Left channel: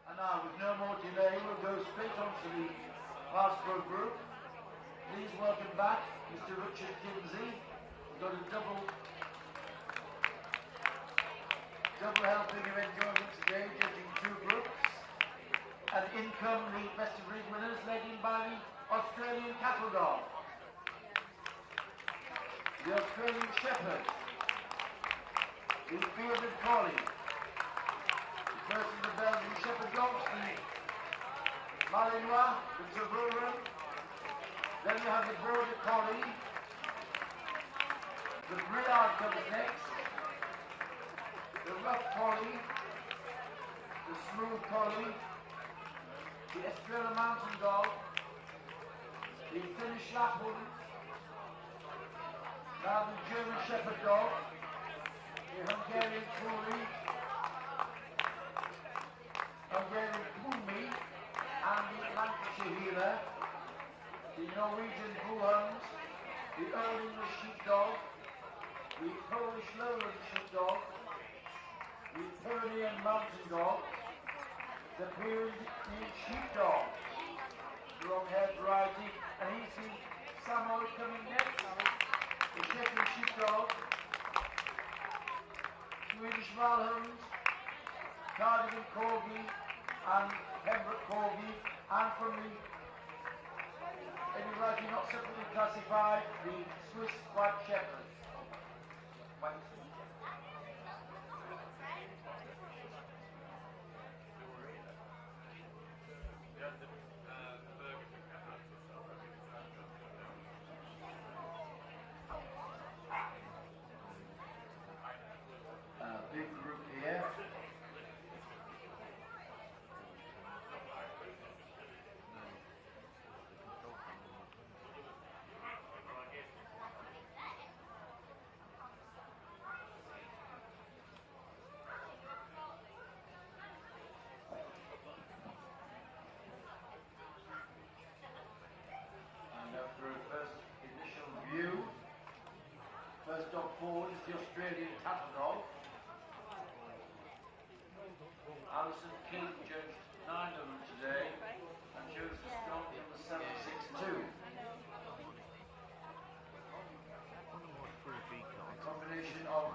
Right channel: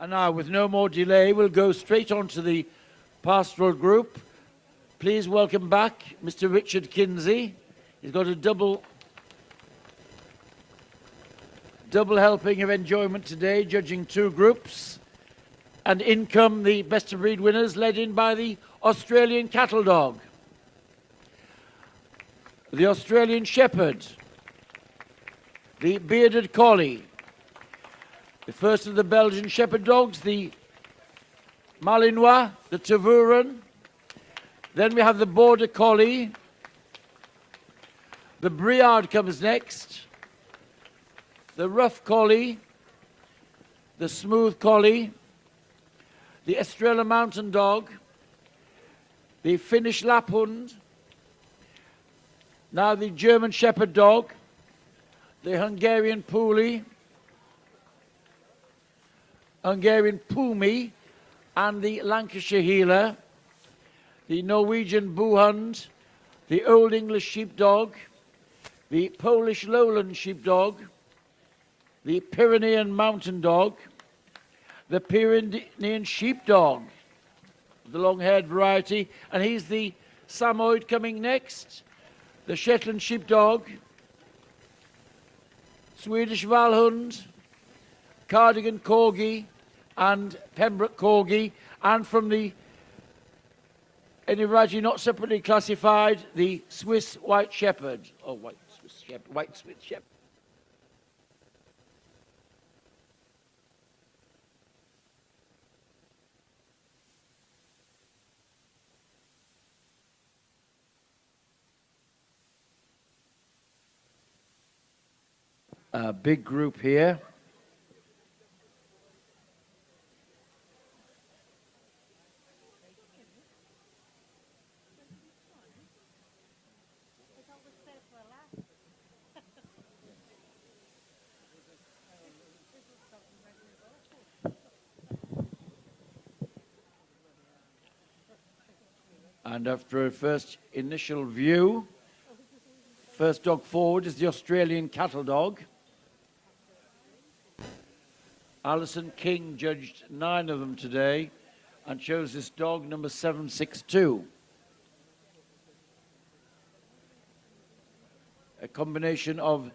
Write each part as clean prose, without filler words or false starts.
And now, with no more delay, we'll go straight on to the pastoral group. Please welcome back Mr. Richard Kinsey. He's got a double helping of enjoyment today, judging two groups. And in come the best of breed winners, led in by the Australian Cattle Dog, the Australian Shepherd, the Bearded Collie, the first of the Belgian Shepherd dogs, the Malinois, the Tervuren. Then we have the Border Collie. The Briard comes next. The Rough Collie, the Smooth Collie, the Estrella Mountain Dog, the Finnish Lapland, now the German Shepherd Dog, the Hungarian Pumi, Hungarian Pumi, and the Lancashire Heeler, the Norwegian Boohund, the Old English Sheepdog, the Polish Lowland Sheepdog, the Pyrenean Mountain Dog, the Pyrenean Sheepdog, the long-haired variety, and he's the Samoyed coming next, the Shetland Sheepdog, Swedish Valhound, Cardigan Corgi, and Pembroke Corgi, and from the any variety not separately classified, the Swiss White Shepherd, White Swiss Shepherd. A big group here. And after a first initial view, first dog forward is the Australian Cattle Dog. Alison King judged 9 of them today and chose this dog, number 762. A combination of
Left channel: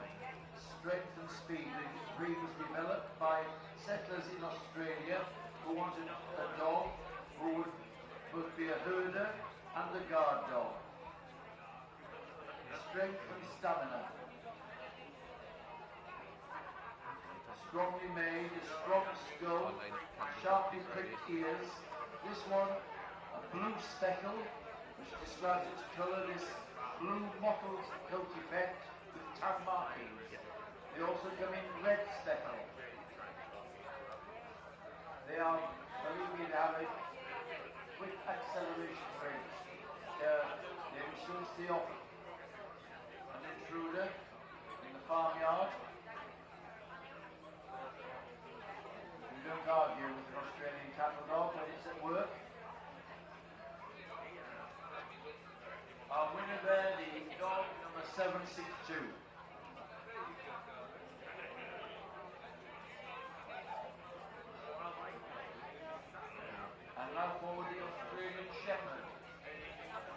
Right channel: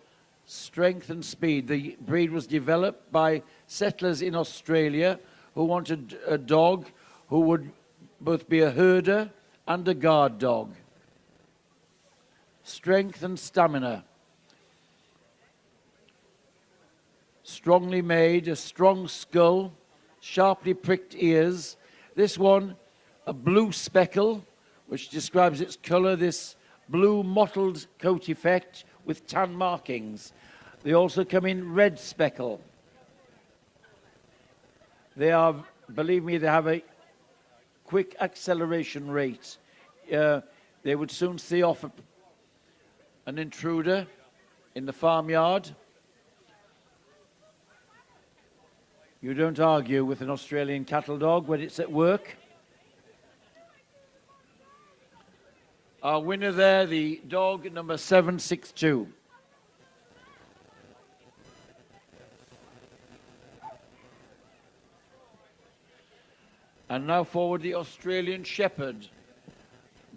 strength and speed. The breed was developed by settlers in Australia who wanted a dog who would both be a herder and a guard dog. Strength and stamina. Strongly made, a strong skull, sharply pricked ears. This one, a blue speckle, which describes its colour, this blue mottled coat effect with tan markings. They also come in red speckle. They are, believe me, they have a quick acceleration rate. They would soon see off an intruder in the farmyard. You don't argue with an Australian cattle dog when it's at work. Our winner there, the dog number 762. And now forward the Australian Shepherd.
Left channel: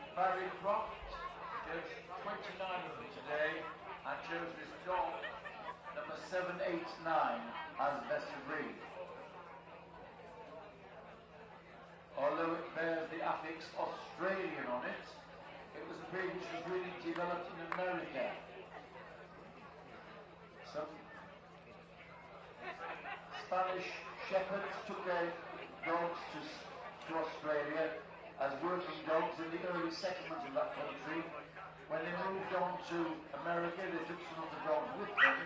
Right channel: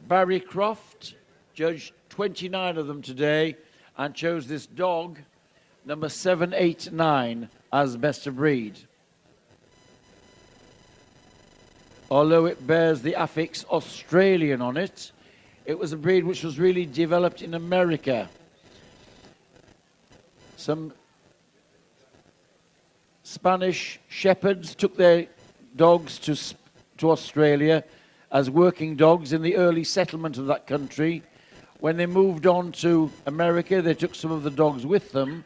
Barry Croft judged 29 of them today and chose this dog, number 789, as best of breed. Although it bears the affix Australian on it, it was a breed which was really developed in America. Some Spanish shepherds took their dogs to Australia as working dogs in the early settlement of that country. When they moved on to America, they took some of the dogs with them,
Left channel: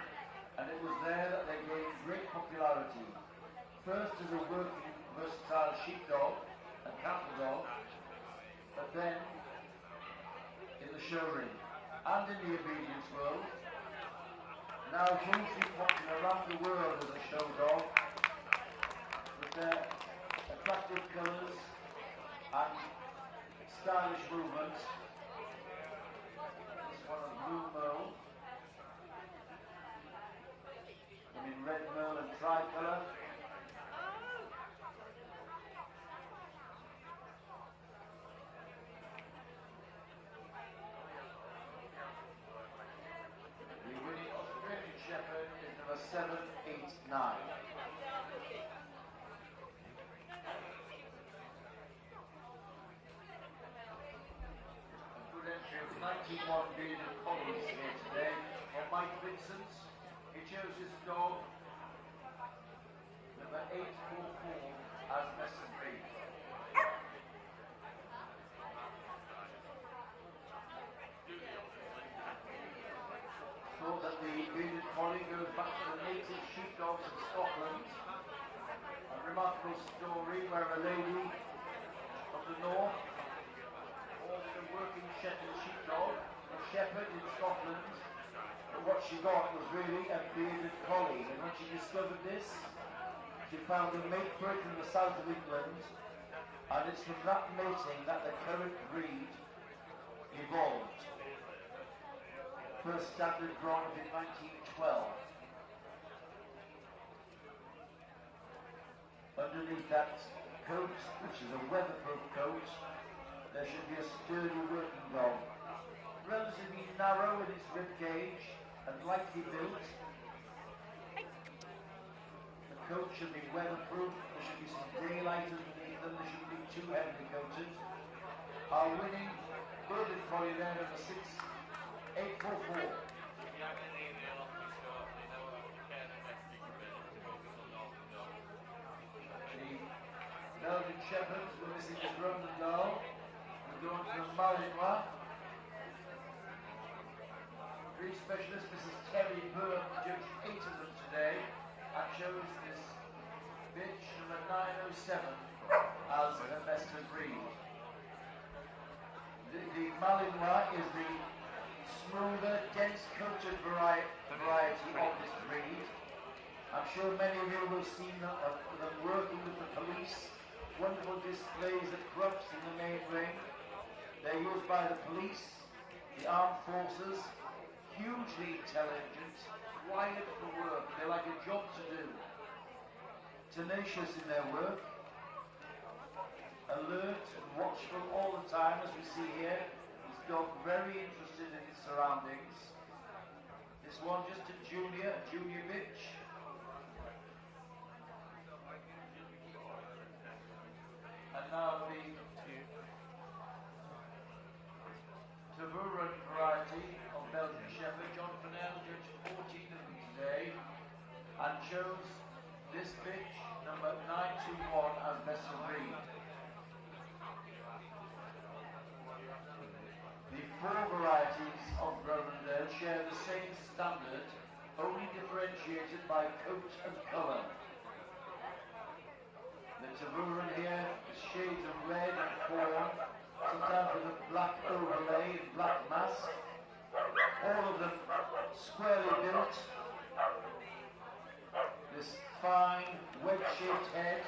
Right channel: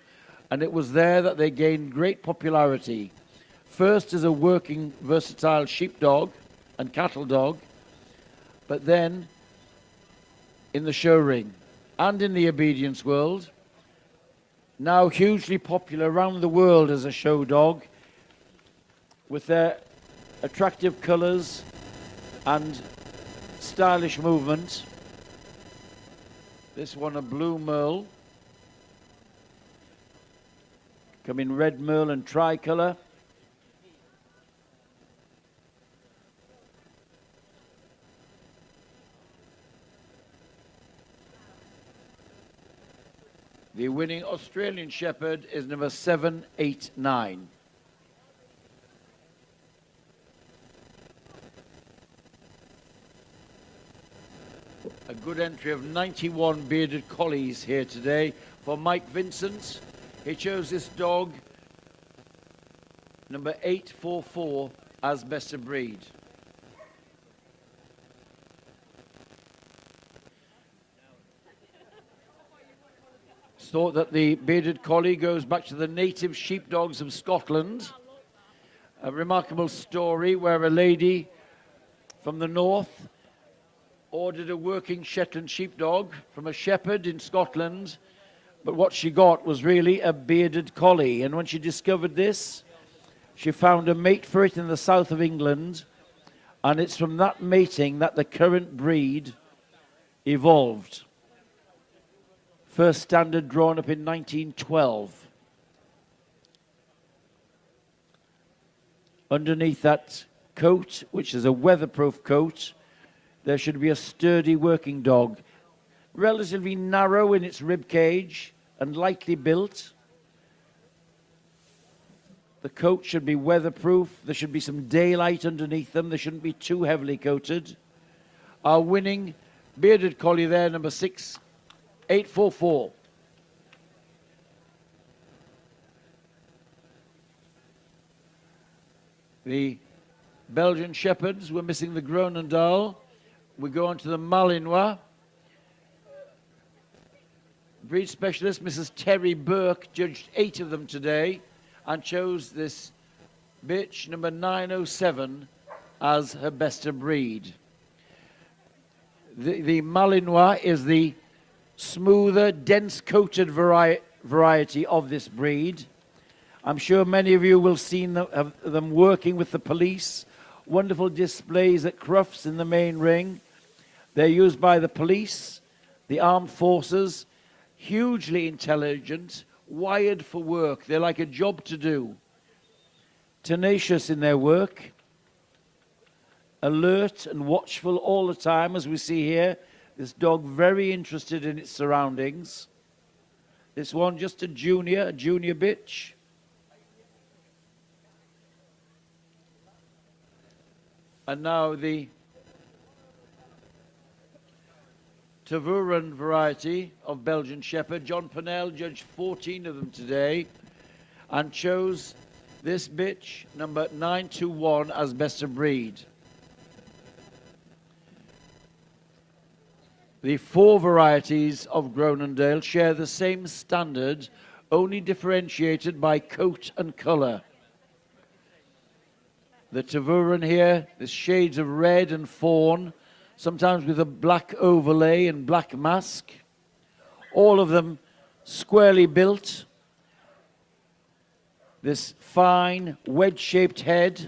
and it was there that they gained great popularity. First as a working, versatile sheepdog and cattle dog, but then in the show ring and in the obedience world. Now hugely popular around the world as a show dog, with their attractive colours and stylish movement. This one, a blue merle, come in red merle and tricolour. The winning Australian Shepherd is number 789. A good entry of 91 bearded collies here today for Mike Vincent. He chose this dog, number 844, as best of breed. It's thought that the bearded collie goes back to the native sheepdogs of Scotland. A remarkable story where a lady from the north ordered a working Shetland Sheepdog from a shepherd in Scotland, but what she got was really a bearded collie. And when she discovered this, she found a mate for it in the south of England, and it's from that mating that the current breed evolved. First standard drawn up in 1912. Underneath that coat, which is a weatherproof coat, there should be a sturdy working dog, relatively narrow in its rib cage and lightly built. The coat should be weatherproof. There should be some daylight underneath them. They shouldn't be too heavily coated. Our winning bearded collie there, number 6844. The Belgian Shepherds were missing the Groenendaal. We go on to the Malinois. Breed specialist Mrs. Terry Burke judged 8 of them today and chose this bitch, number 907, as her best of breed. The Malinois is the smoother, dense-coated variety of this breed. I'm sure many of you will have seen them working with the police. Wonderful displays at Crufts in the main ring. They're used by the police, the armed forces, hugely intelligent, wired for work. They're like a job to do. Tenacious in their work, alert and watchful all the time, as we see here. This dog very interested in its surroundings. This one just a junior bitch. And now the Tervuren variety of Belgian Shepherd. John Pennell judged 14 of them today and chose this bitch, number 921, as best of breed. The 4 varieties of Groenendaal share the same standard, only differentiated by coat and colour. The Tervuren here, the shades of red and fawn, sometimes with a black overlay and black mask. All of them squarely built. This fine wedge-shaped head.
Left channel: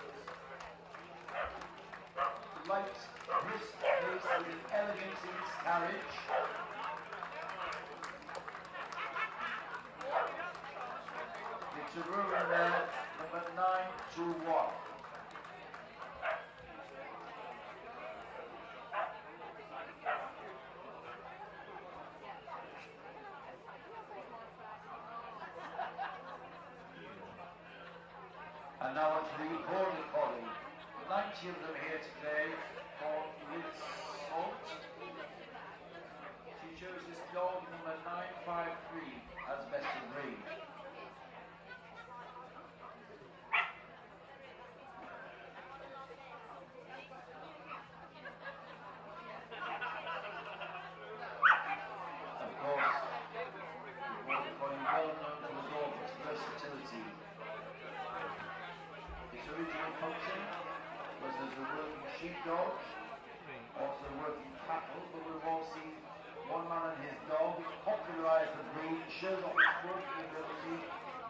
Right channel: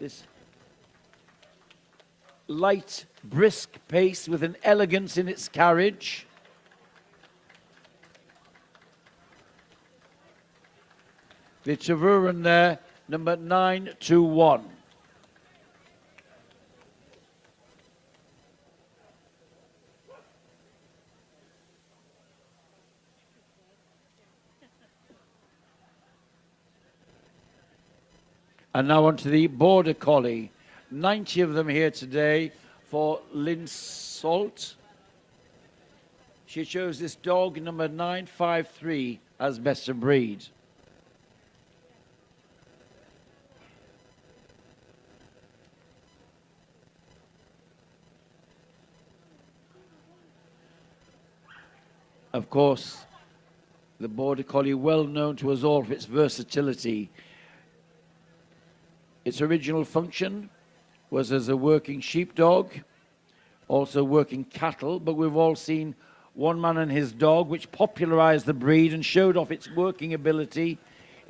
This light, brisk pace with an elegance in its carriage. The Tervuren there, number 921. And now on to the Border Collie. 90 of them here today for Lynn Salt. She chose this dog, number 953, as best of breed. Of course, the Border Collie, well known to us all for its versatility. Its original function was as a working sheepdog, also working cattle, but we've all seen One Man and His Dog, which popularized the breed and showed off its working ability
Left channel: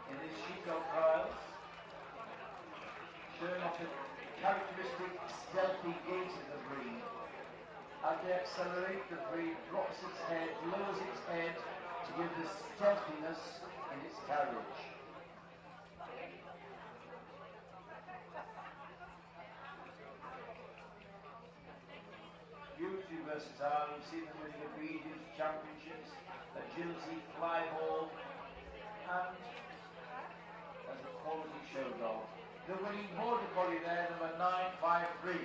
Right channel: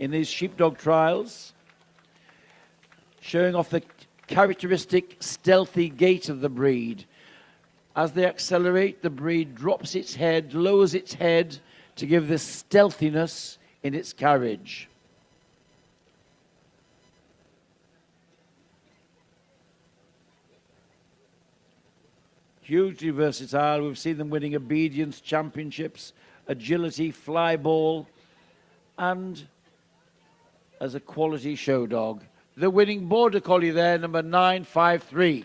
in these sheepdog trials, showing off the characteristic stealthy gait of the breed. As they accelerate, the breed drops its head, lowers its head to give this stealthiness in its carriage. hugely versatile. We've seen them winning obedience championships, agility, fly ball, and as a quality show dog. The winning border collie there, number 953.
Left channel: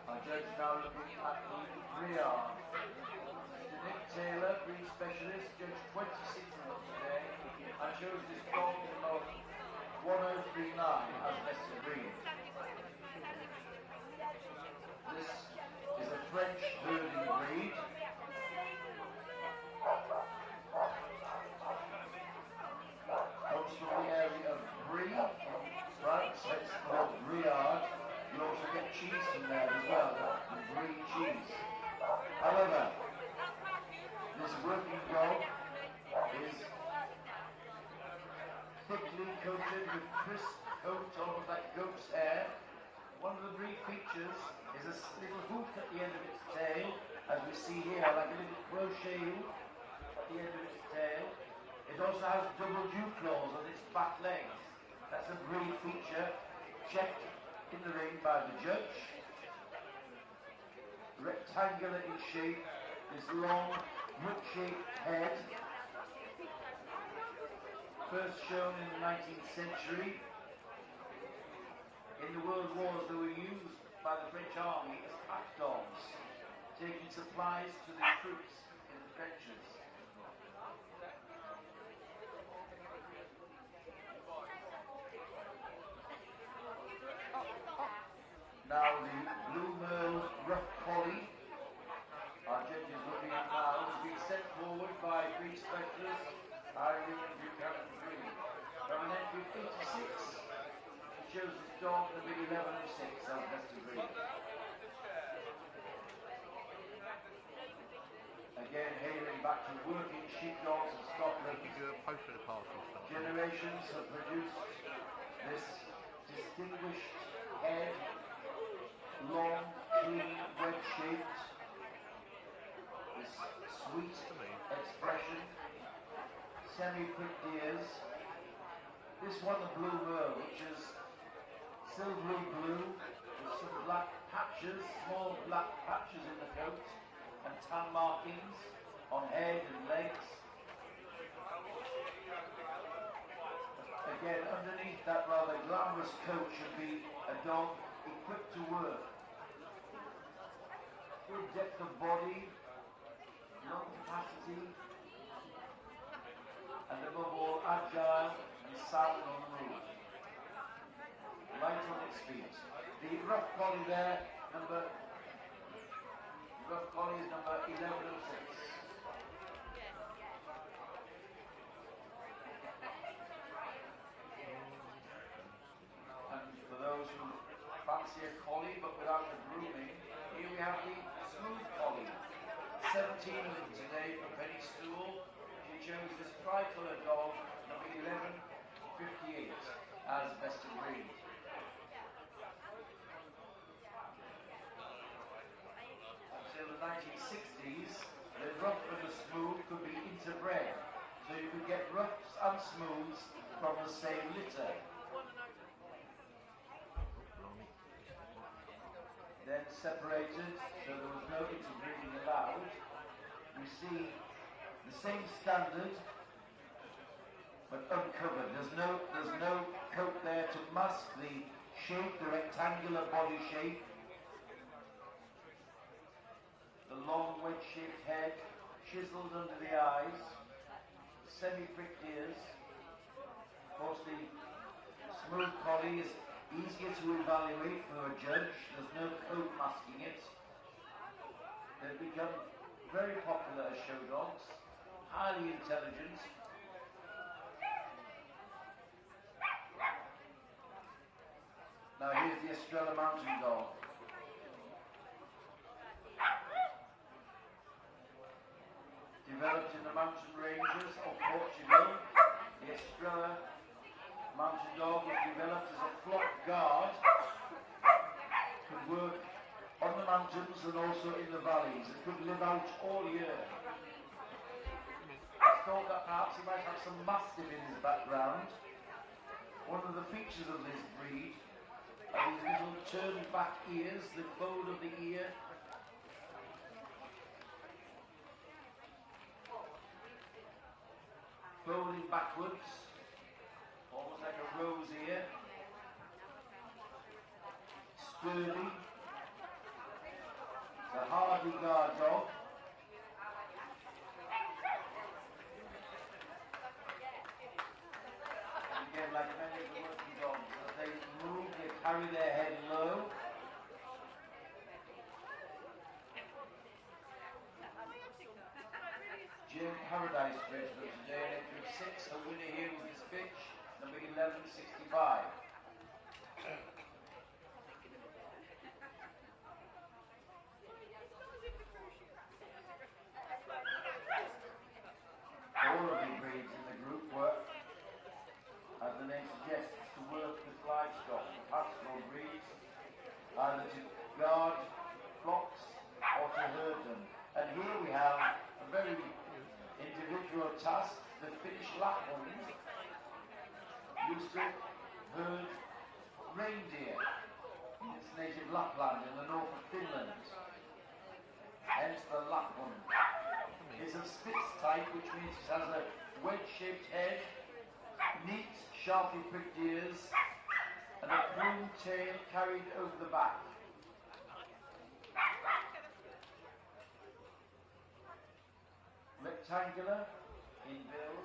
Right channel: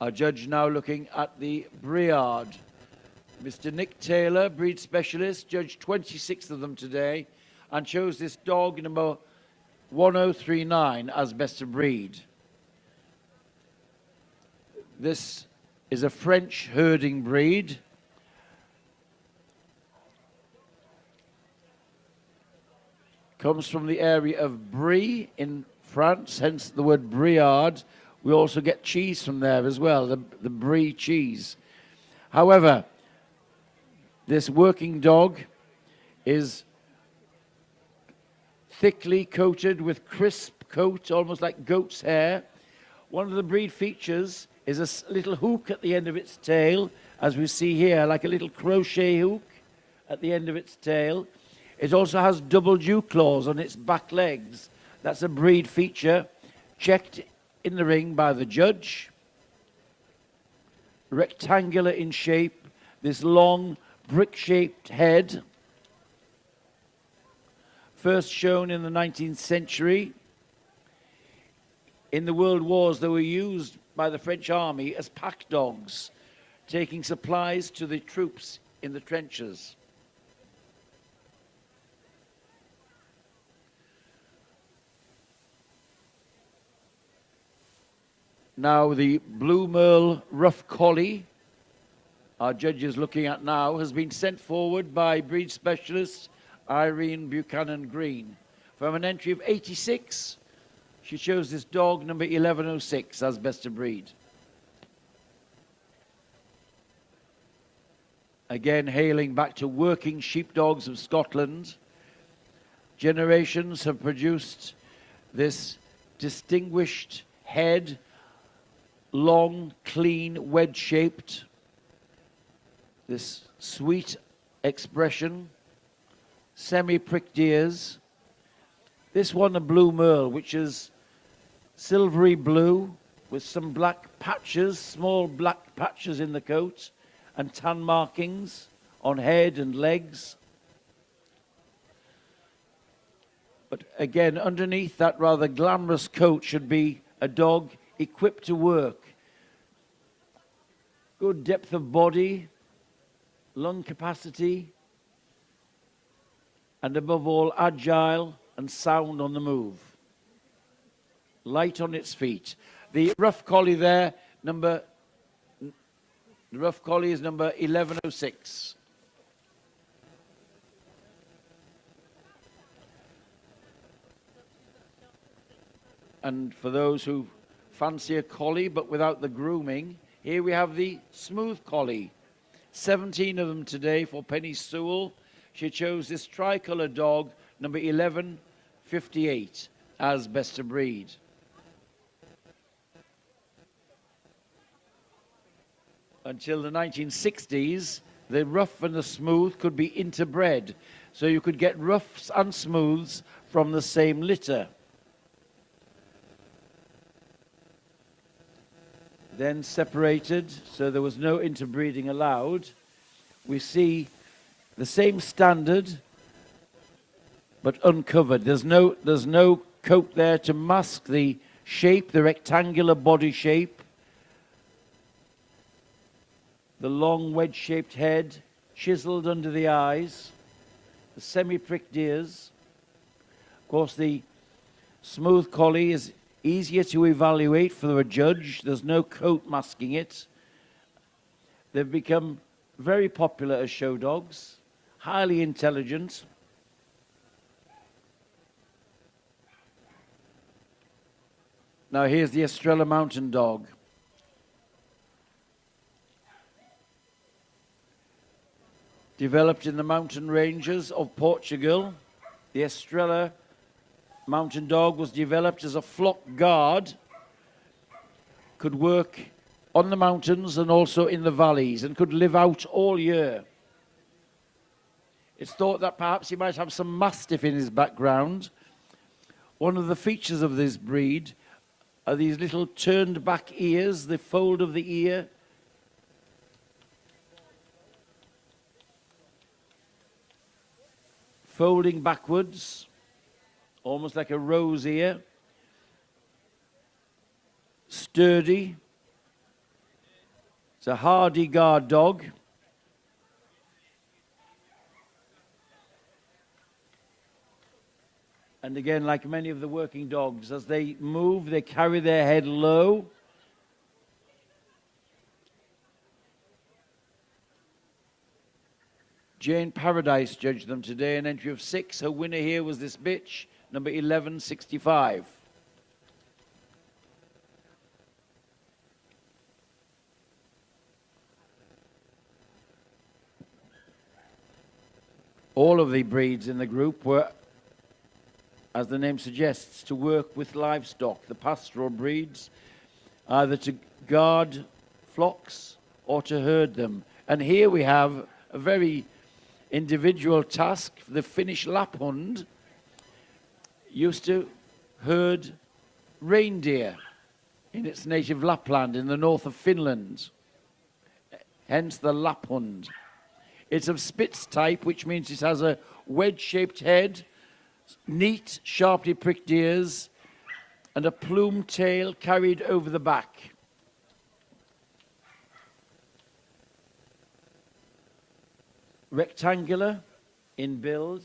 Our judge now looking at the Briard. Mr. Nick Taylor, breed specialist, judged 26 of them today and chose this dog number 1039 as best of breed. This is a French herding breed. Comes from the area of Brie in France, hence the word Briard. We also get cheese from there as well, the Brie cheese. However, this working dog is thickly coated with crisp coat, almost like goat's hair. One of the breed features is a little hook at the end of its tail, as we see here, like a little crochet hook at the end of its tail. It also has double dew claws on its back legs. That's a breed feature, checked in the ring by the judge. Rectangular in shape, this long brick-shaped head, first shown in the 19th century. In the World Wars, they were used by the French army as pack dogs, taking supplies to the troops in the trenches. Now the Blue Merle Rough Collie, our judge is looking at now, has been sent forward by breed specialist Irene Buchanan Green. From an entry of 86, she chose this dog number 1106 as best of breed. Again, hailing back to working sheepdogs of Scotland, generations have produced this distinguished head, long, clean, wedge-shaped, this sweet expression, semi-pricked ears. This one, a Blue Merle, which is silvery blue with some black patches, small black patches in the coat, and tan markings on head and legs. But again, underneath that rather glamorous coat should be a dog equipped to work. Good depth of body, lung capacity, and above all, agile and sound on the move. Light on its feet. The rough collie there, the rough collie is number 1106. And for those who fancy a collie but without the grooming, here we have the smooth collie. 17 of them today for Penny Sewell. She chose this tricolour dog, number 1158, as best of breed. Until the 1960s, the rough and the smooth could be interbred, so you could get roughs and smooths from the same litter. Then separated, so there was no interbreeding allowed. We see the same standard, but uncovered. There's no coat there to mask the shape, the rectangular body shape, the long wedge-shaped head, chiseled under the eyes, the semi-pricked ears. Of course, the smooth collie is easier to evaluate for a judge. There's no coat masking it. They've become very popular as show dogs, highly intelligent. Now here's the Estrella Mountain Dog. Developed in the mountain ranges of Portugal, the Estrella Mountain Dog was developed as a flock guard, could work on the mountains and also in the valleys, and could live out all year. It's thought that perhaps he might have some Mastiff in his background. One of the features of this breed are these little turned back ears, the fold of the ear. Folding backwards, almost like a rose ear. Sturdy. It's a hardy guard dog. And again, like many of the working dogs, as they move, they carry their head low. Jane Paradise judged them today, an entry of 6. Her winner here was this bitch, number 1165. All of the breeds in the group were, as the name suggests, to work with livestock, the pastoral breeds, either to guard flocks or to herd them. And here we have a very individual task. The Finnish Lapland used to herd reindeer in its native Lapland in the north of Finland, hence the Lapland. It's of Spitz type, which means it has a wedge-shaped head, neat, sharply pricked ears, and a plumed tail carried over the back. Rectangular in build,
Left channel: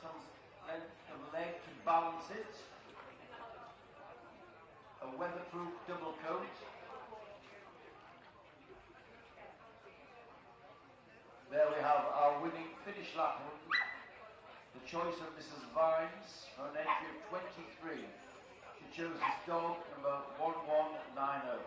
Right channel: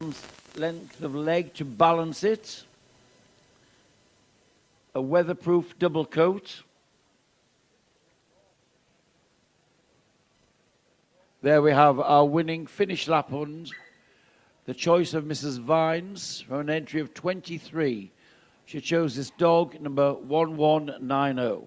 some length of leg to balance it, a weatherproof double coat. There we have our winning Finnish Lapland, the choice of Mrs. Vines, for an entry of 23. She chose this dog, number 1190.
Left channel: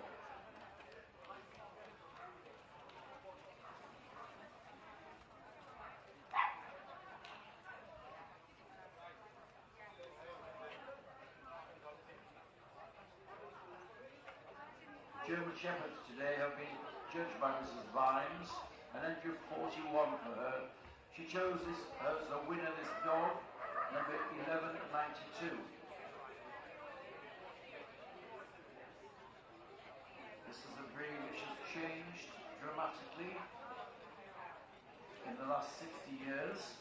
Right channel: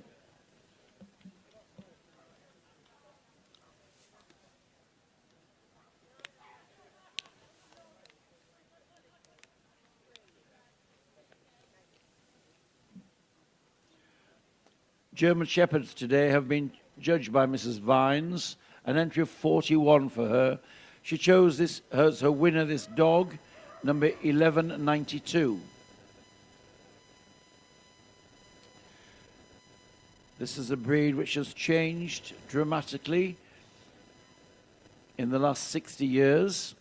German Shepherds today have been judged by Mrs. Vines, an entry of 41 for her. She chose this as her winner, this dog, number 1192. This is a breed which has changed dramatically in the last 60 years.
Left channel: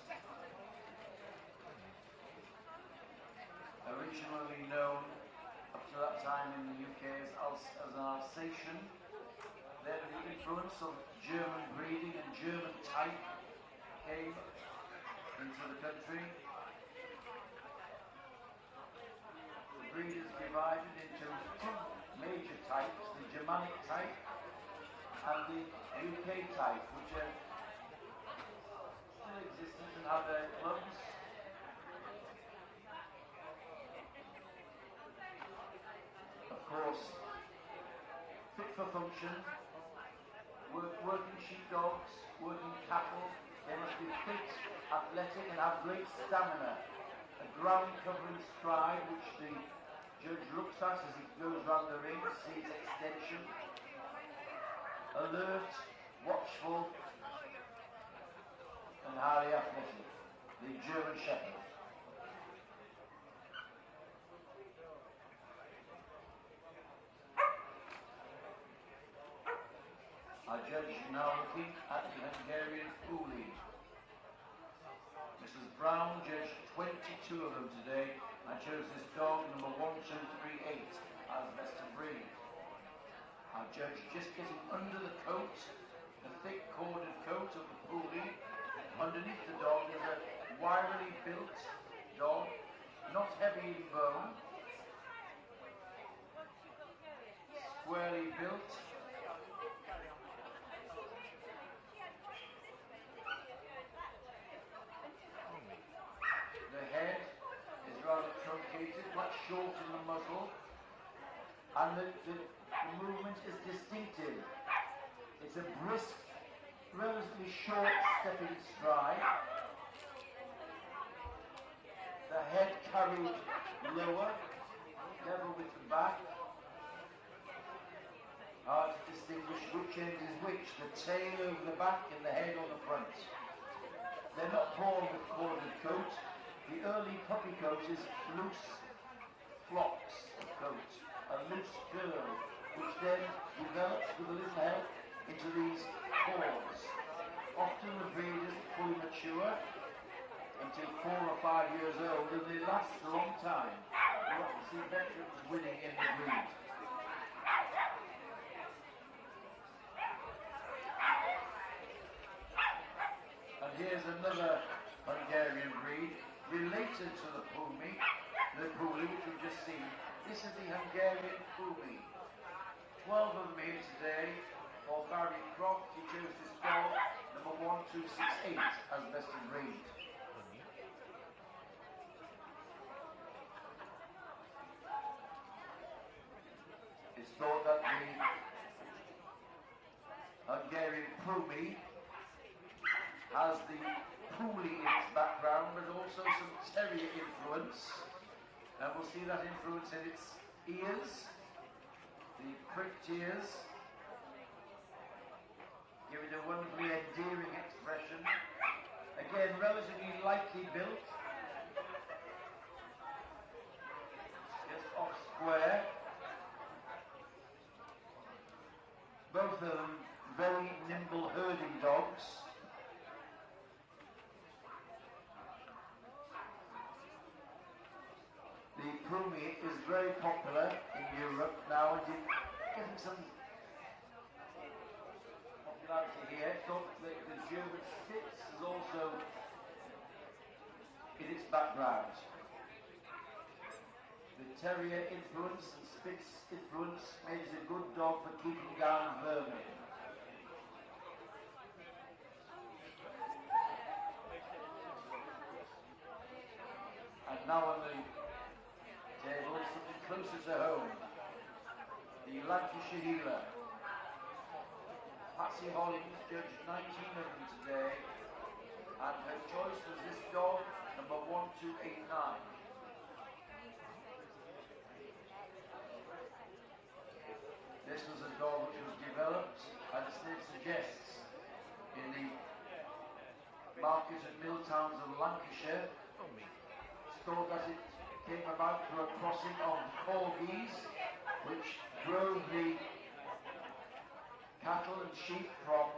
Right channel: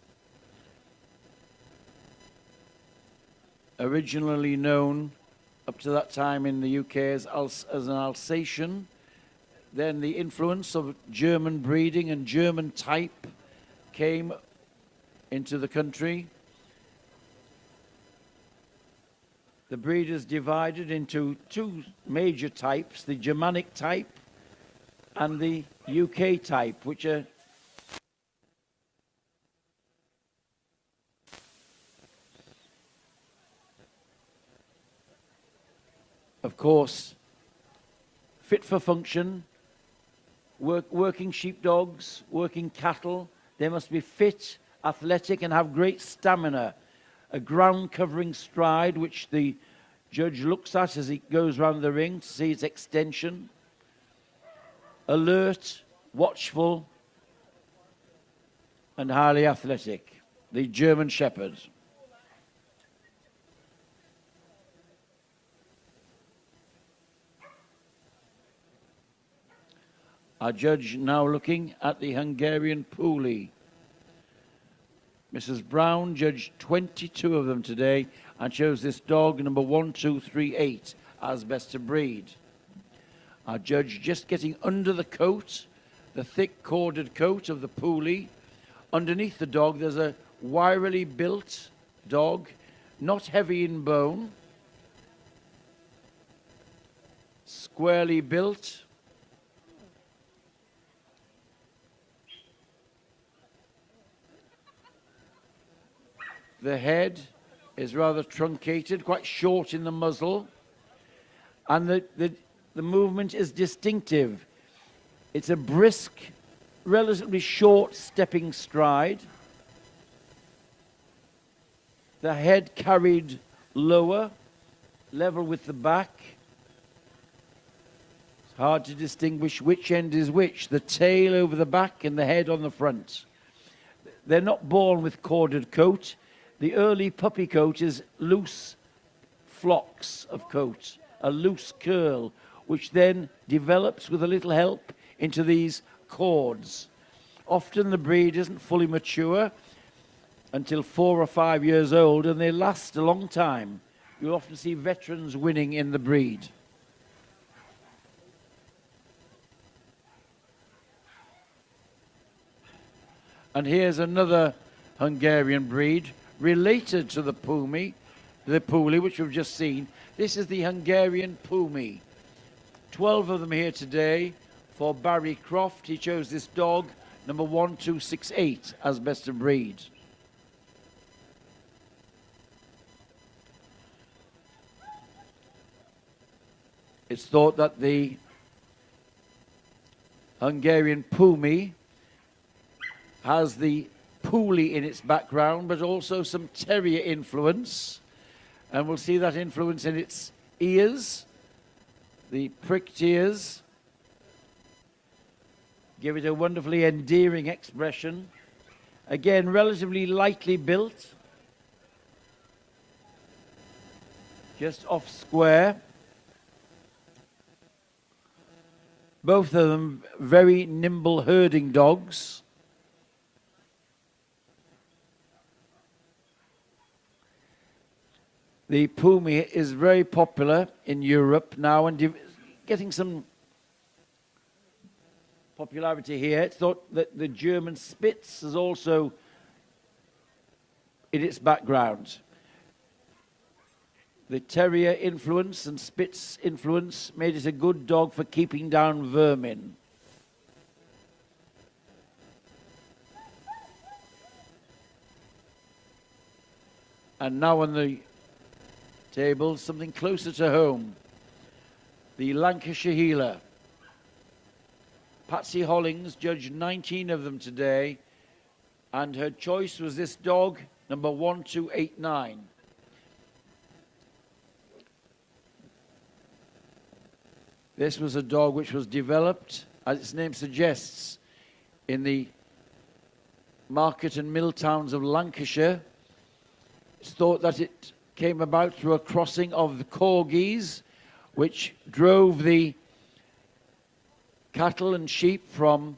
Originally known up to that time in the UK as an Alsatian. Then the influence of German breeding and German type came into the country. The breed is divided into 2 major types, the Germanic type and the UK type, which are of course fit for function. Working sheepdogs, working cattle, they must be fit, athletic, and have great stamina. A ground-covering stride, which the judge looks at as he goes round the ring to see its extension. Alert, watchful, and highly athletic. The German Shepherd. Our judge now looking at the Hungarian Pumi. Mrs. Brown judged 22 of them today and chose this dog, number 1238, as best to breed. Our judge just getting under the coat, the thick corded coat of the Pumi. Underneath the dog, there's a wirily built dog, not heavy in bone, squarely built. The head is rather truncated, quite short in the muzzle, and the movement is distinctive. It's a brisk, relatively short stepping stride. The head carried lower, level with the back. Hard to distinguish which end is which, the tail over the back and the head on the front. They're not born with corded coat. The early puppy coat is loose flocks of coat, a loose curl, which then develops with a little help into these cords. Often the breed isn't fully mature until 4 or 5 years old, and they last a long time. You often see veterans winning in the breed. And here's another Hungarian breed related to the Pumi, which we've just seen. This is the Hungarian Pumi. 12 of them here today for Barry Croft. He chose this dog, number 1268, as best of breed. It's thought that the Hungarian Pumi has the Puli in its background, but also some terrier influence. And we'll see that influence in its ears, the pricked ears. Give it a wonderfully endearing expression. Again, relatively lightly built. Just off square. Both of them very nimble herding dogs. The Pumi is very popular in Europe now and getting some popularity here. It's thought that the German Spitz is also in its background. The terrier influence and Spitz influence made it a good dog for keeping down vermin. And now on the table, something closer to home. The Lancashire Heeler. Patsy Hollings judged 19 of them today, and her choice was this dog, number 1289. This was a dog which was developed, as its name suggests, in the market and mill towns of Lancashire. It's thought that it came about through a crossing of the corgis, which drove the cattle and sheep from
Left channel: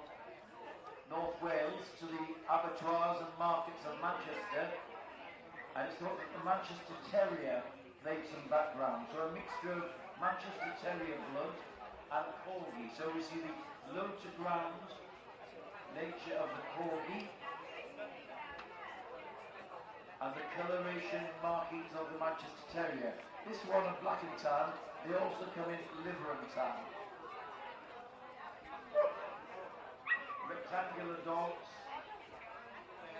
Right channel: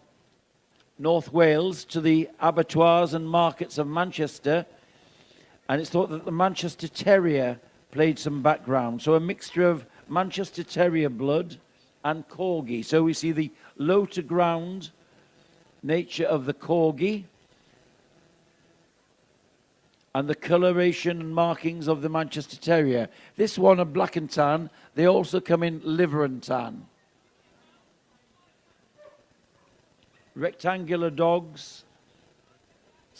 North Wales to the abattoirs and markets of Manchester. And it's thought that the Manchester Terrier played some background. So a mixture of Manchester Terrier blood and Corgi. So we see the low to ground nature of the Corgi and the coloration markings of the Manchester Terrier. This one, a black and tan. They also come in liver and tan. Rectangular dogs,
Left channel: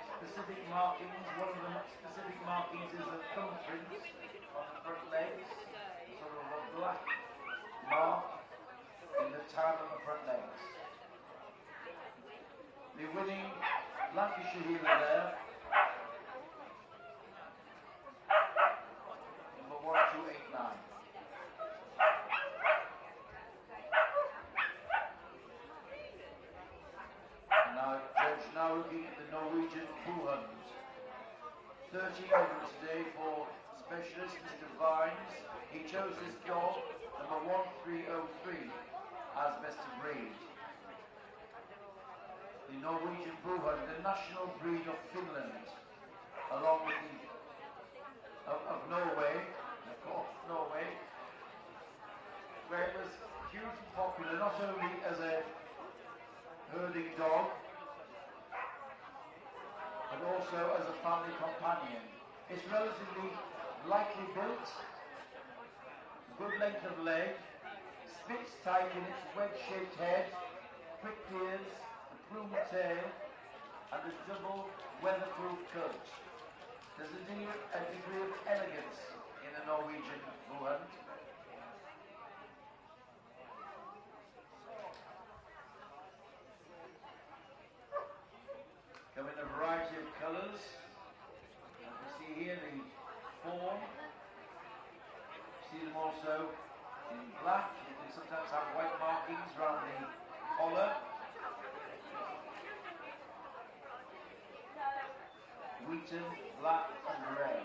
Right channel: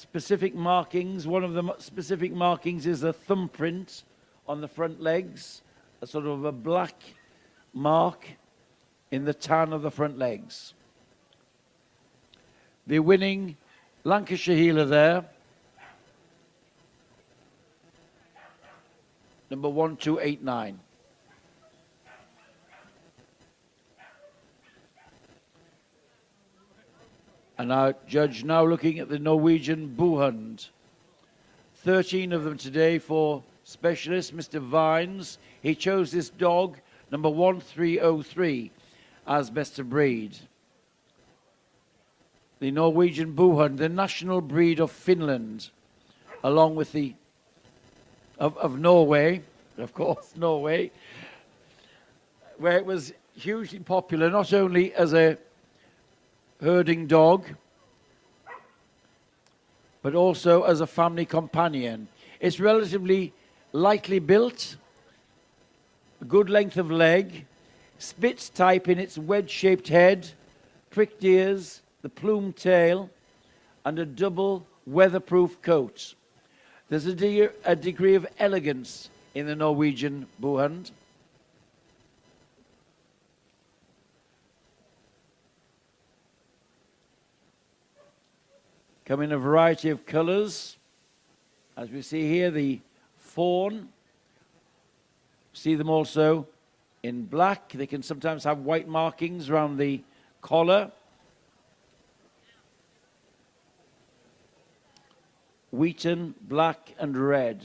specific markings. One of the specific markings is a thumbprint on the front legs, a sort of a black mark in the tan of the front legs. The winning Lancashire Heeler there, number 1289. And our judge now looking at the Norwegian Buhund. 13 of them today for specialist, Mr. Vines. He chose this dog, number 1303, as best of breed. The Norwegian Buhund, the national breed of Finland, along with the of Norway, of course, Norway, where it was hugely popular, not only as a herding dog, but also as a family companion. It's relatively lightly built, good length of leg, Spitz type in its wedge-shaped head, pricked ears, the plumed tail, and a double weatherproof coat. There's a degree of elegance in the Norwegian Buhund. Come in a variety of colors. As we see here, the fawn. See them also in black. They can sometimes have white markings around the collar. Wheaten, black and red.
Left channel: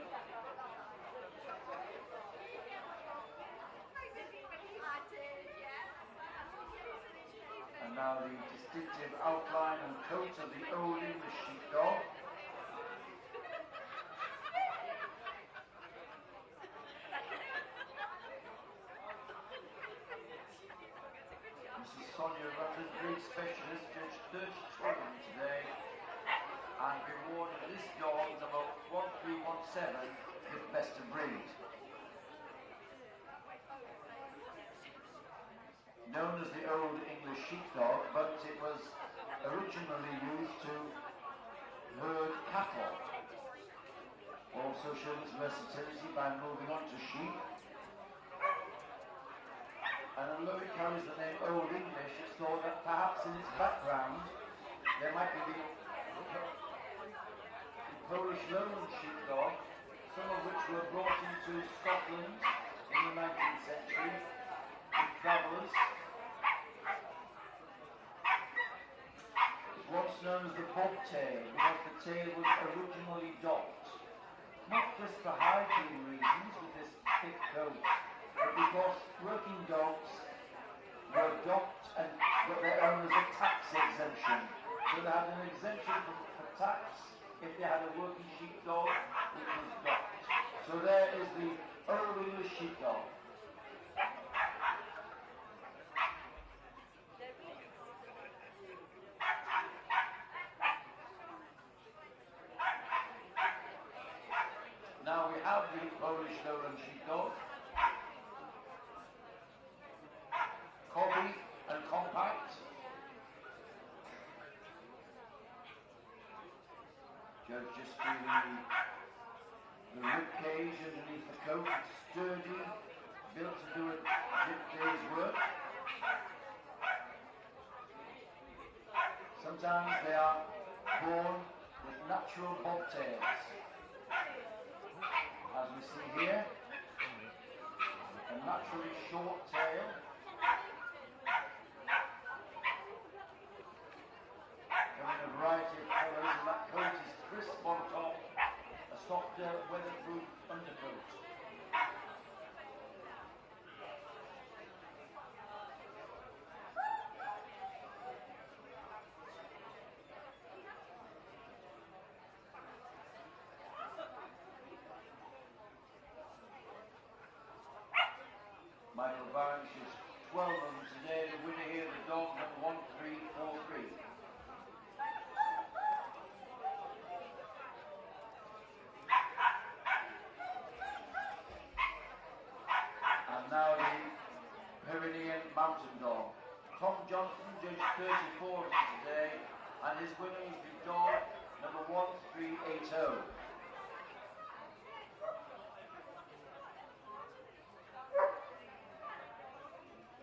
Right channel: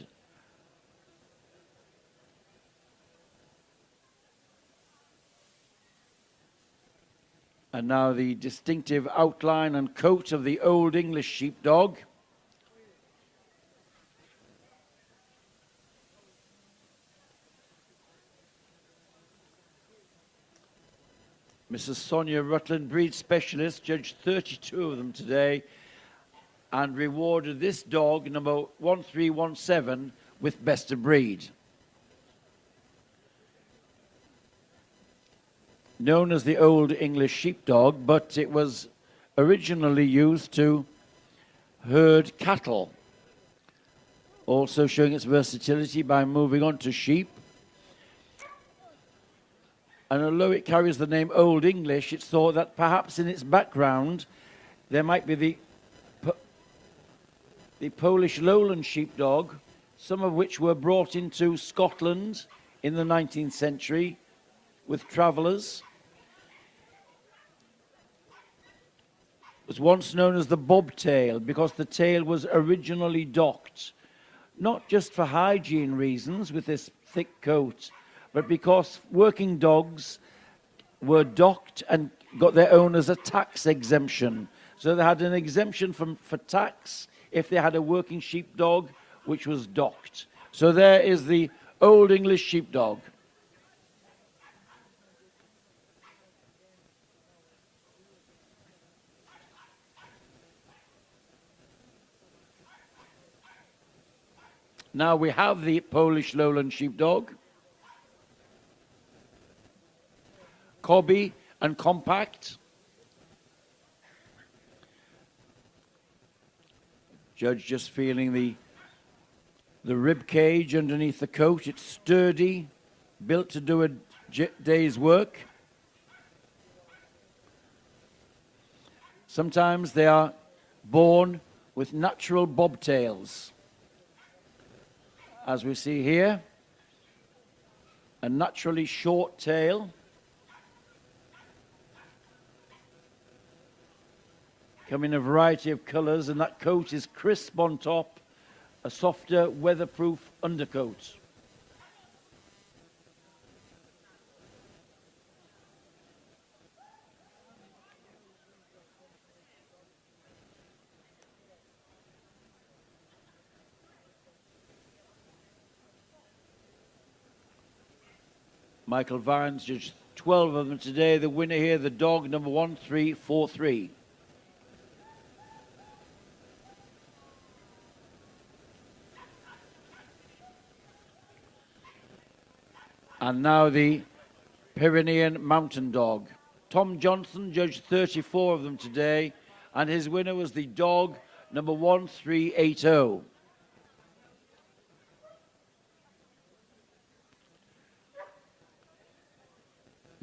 And now the distinctive outline and coat of the Old English Sheepdog. Mrs. Sonia Rutland, breed specialist, judged 32 of them today and rewarded this dog, number 1317, with best of breed. Known as the Old English Sheepdog, but it was originally used to herd cattle, also showing its versatility by moving on to sheep. And although it carries the name Old English, it's thought that perhaps in its background there might be the Polish Lowland Sheepdog, some of which were brought into Scotland in the 19th century with travellers. It was once known as the bobtail because the tail was originally docked, not just for hygiene reasons with this thick coat, but because working dogs were docked and got their owners a tax exemption. So they had an exemption for tax if they had a working sheepdog which was docked. So there is the Old English Sheepdog. Now we have the Polish Lowland Sheepdog, Cobby and compact. Judge just feeling the rib cage underneath the coat. It's sturdy, built to do a day's work. Sometimes they are born with natural bobtails. As we see here, a naturally short tail. Come in a variety of colours, and that coat is crisp on top, a softer, weatherproof undercoat. Michael Varens judged 12 of them today. The winner here, the dog number 1343. And now the Pyrenean Mountain Dog. Tom Johnson judged 34 of them today, and his winner was the dog number 1380.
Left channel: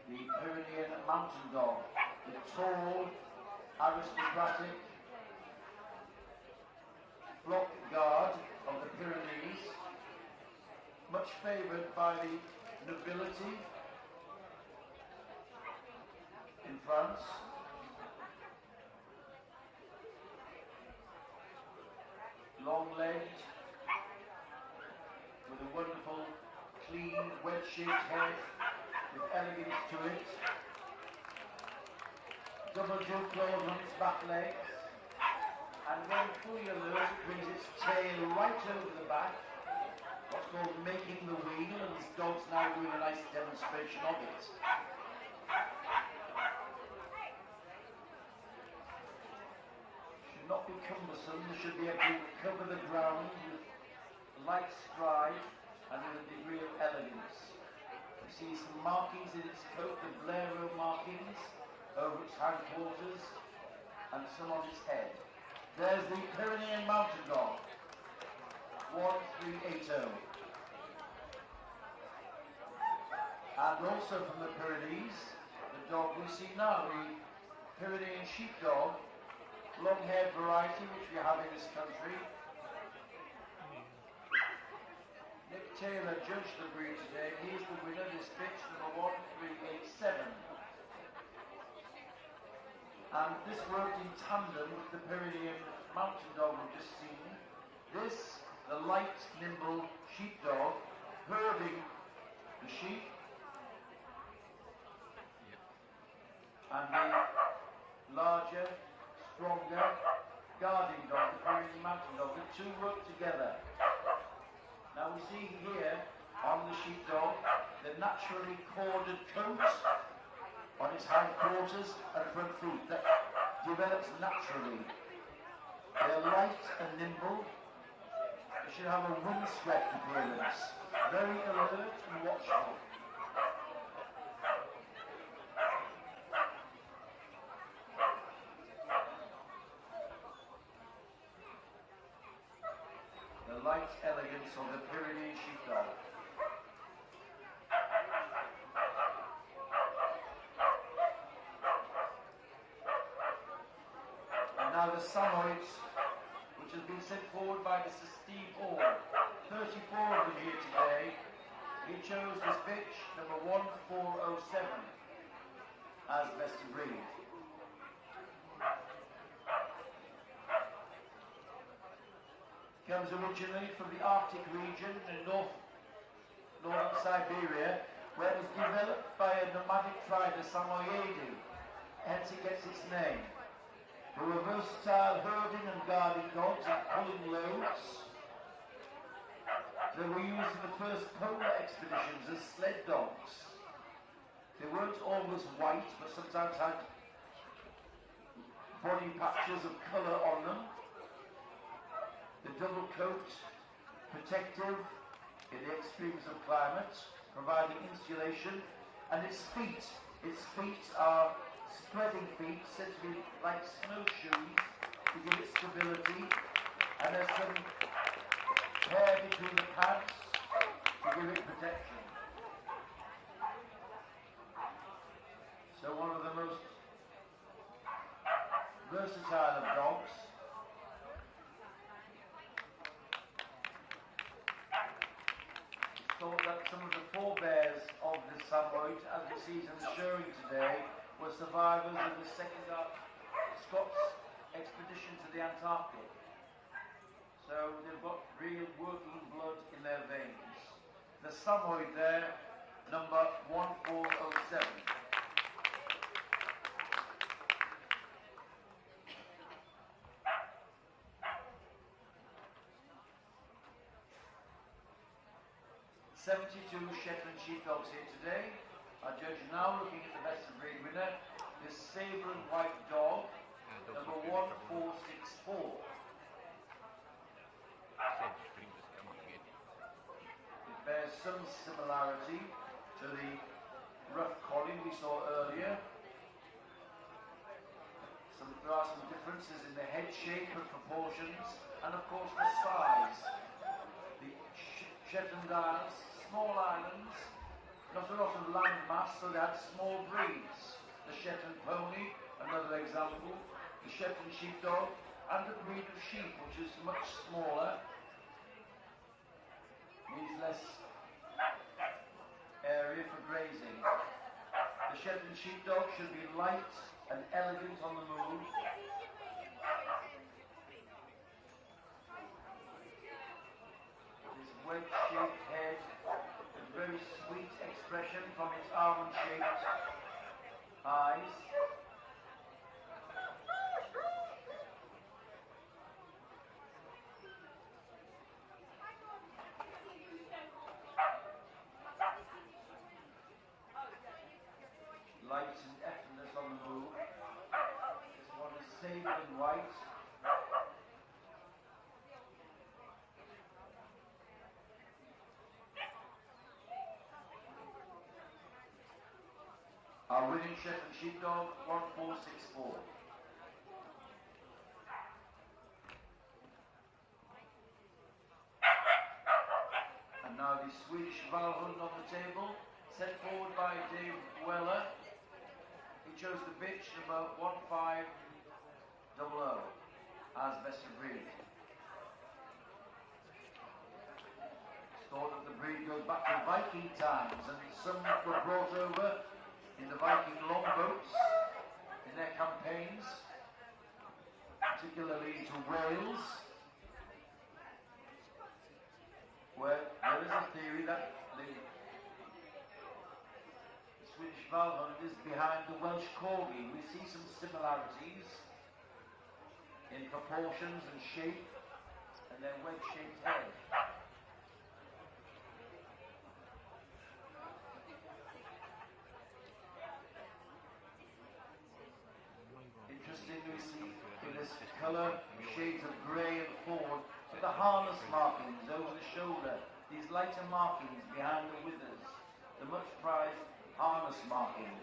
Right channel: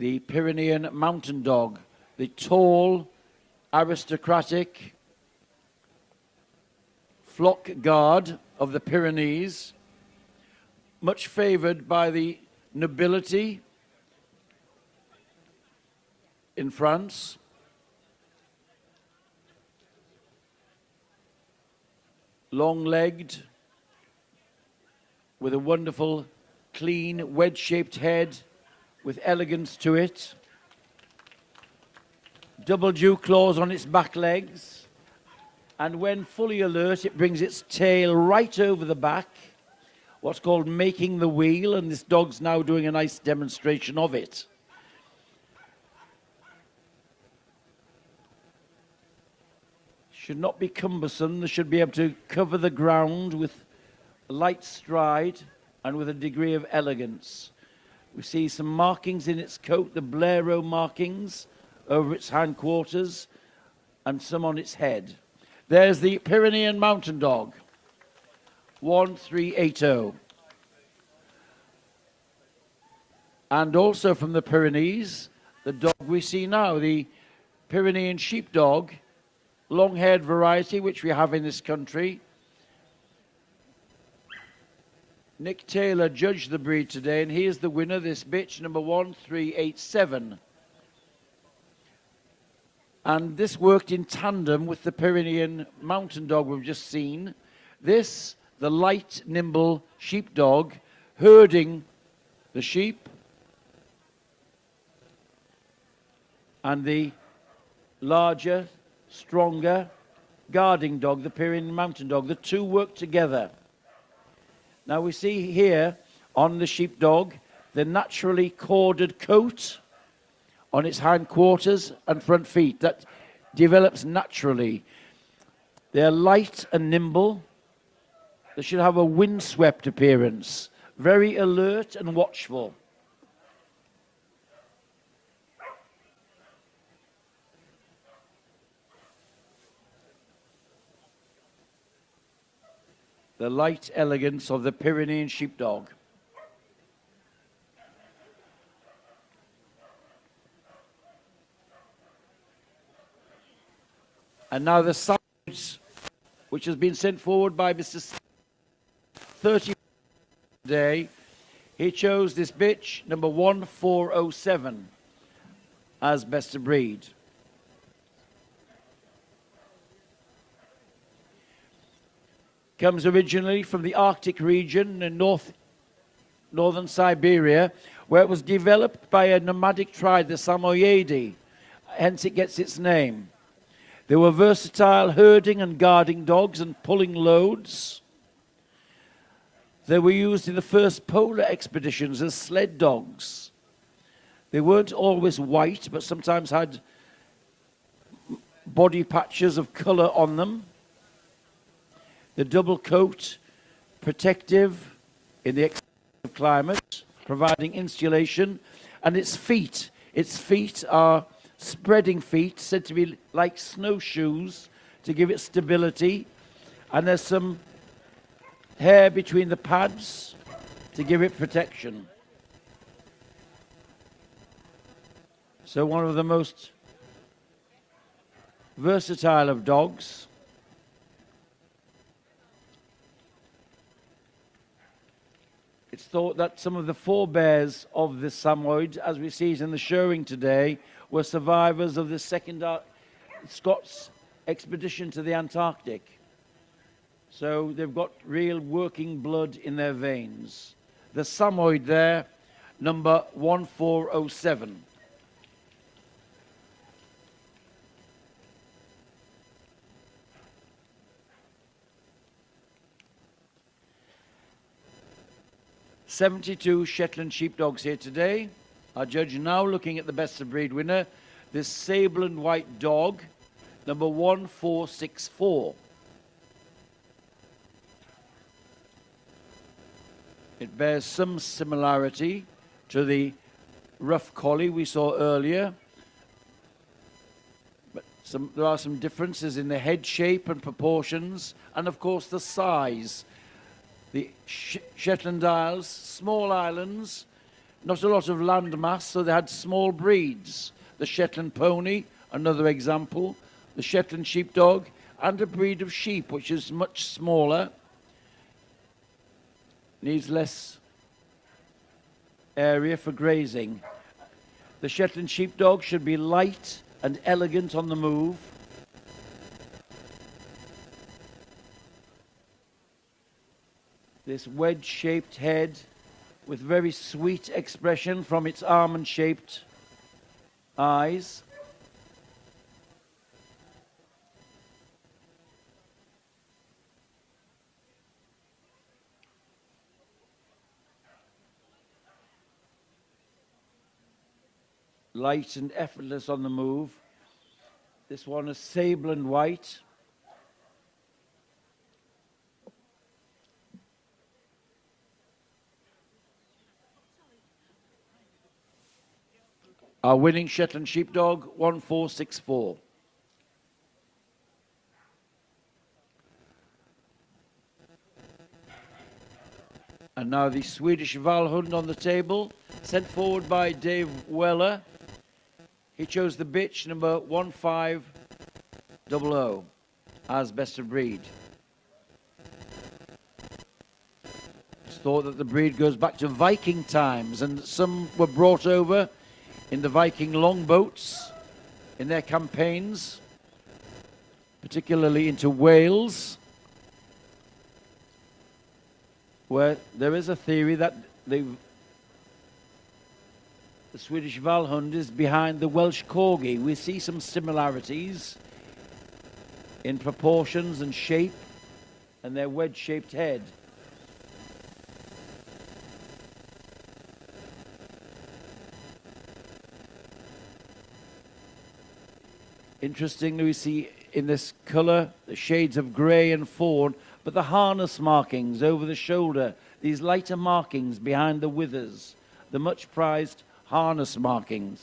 The Pyrenean Mountain Dog, the tall, aristocratic flock guard of the Pyrenees, much favoured by the nobility in France. Long-legged, with a wonderful, clean, wedge-shaped head, with elegance to it. Double dew claws on its back legs. And when fully alert, it brings its tail right over the back, what's called making the wheel, and this dog's now doing a nice demonstration of it. Should not be cumbersome. They should be able to cover the ground with a light stride and with a degree of elegance. We see some markings in its coat, the Blaireau markings over its hindquarters, and some on its head. There's the Pyrenean Mountain Dog, 1380. And also from the Pyrenees, the dog we see now, the Pyrenean Sheepdog, long-haired variety, which we have in this country. Nick Taylor judged the breed today, and he is the winner, this bitch, number 1387. And this worked in tandem with the Pyrenean Mountain Dog we've just seen. This, the light, nimble sheepdog, herding the sheep. And the larger, stronger, guarding dog, the Pyrenean Mountain Dog. The two work together. Now we see here on the sheepdog the naturally corded coat on its hindquarters and front feet that develops naturally. They're light and nimble. They should have a windswept appearance, very alert and watchful. The light elegance of the Pyrenean Sheepdog. And now the Malinois, which has been sent forward by Mr. Steve Hall, 34 today. He chose this bitch, number 1407, as best of breed. Comes originally from the Arctic region in northern Siberia, where it was developed by a nomadic tribe, the Samoyedi, hence it gets its name. They were versatile herding and guarding dogs and pulling loads. They were used in the first polar expeditions as sled dogs. They weren't always white, but sometimes had body patches of color on them. The double coat, protective in the extreme climate, providing insulation, and its feet are spreading feet, said to be like snowshoes to give it stability, and there's some hair between the pads to give it protection. So one of the most versatile of dogs. It's thought that some of the forebears of the Samoyed, as we see it in the showing today, were survivors of the second Scots expedition to the Antarctic. So they've got real working blood in their veins. The Samoyed there, number 1407. "72 Shetland Sheepdogs here today. Our judge now looking at the best of breed winner, this sable and white dog, number 1464. It bears some similarity to the rough collie we saw earlier, but there are some differences in the head shape and proportions, and of course the size. The Shetland Isles, small islands, not a lot of land mass, so they had small breeds. The Shetland Pony, another example, the Shetland Sheepdog, and a breed of sheep, which is much smaller, needs less area for grazing. The Shetland Sheepdog should be light and elegant on the move. This wedge-shaped head with very sweet expression from its almond-shaped eyes. Light and effortless on the move. This one is sable and white. Our winning Shetland Sheepdog, 1464. And now the Swedish Valhound on the table, sent forward by Dave Weller. He chose the bitch, number 1500, as best of breed. It's thought that the breed goes back to Viking times, and some were brought over in the Viking longboats in their campaigns, particularly into Wales, where there is a theory that the Swedish Valhound is behind the Welsh Corgi. We see some similarities in proportions and shape and their wedge-shaped head. Interestingly, we see in this colour the shades of grey and fawn, but the harness markings over the shoulder, these lighter markings behind the withers, the much prized harness markings.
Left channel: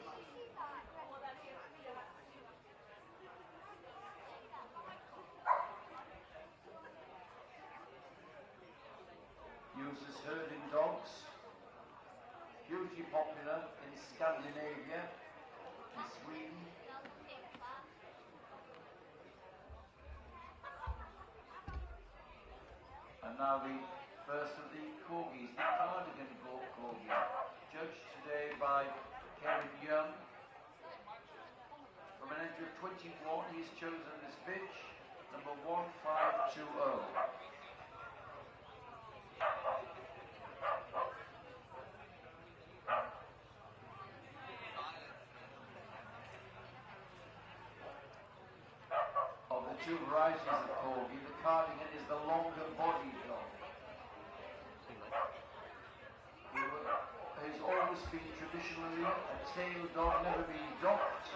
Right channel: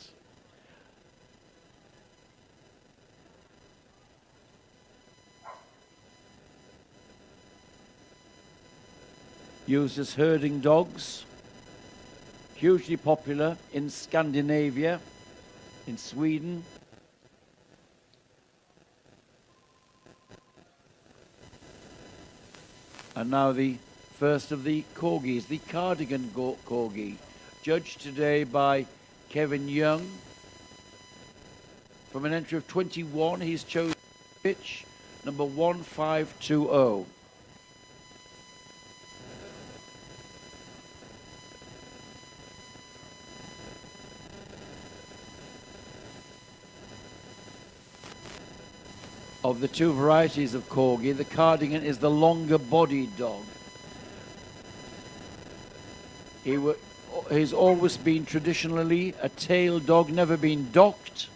Used as herding dogs, hugely popular in Scandinavia, in Sweden. And now the first of the corgis, the Cardigan Corgi, judged today by Kevin Young. From an entry of 21, he's chosen pitch number 1520. Of the two varieties of Corgi, the Cardigan is the longer-bodied dog. He's always been traditionally a tail dog, never been docked,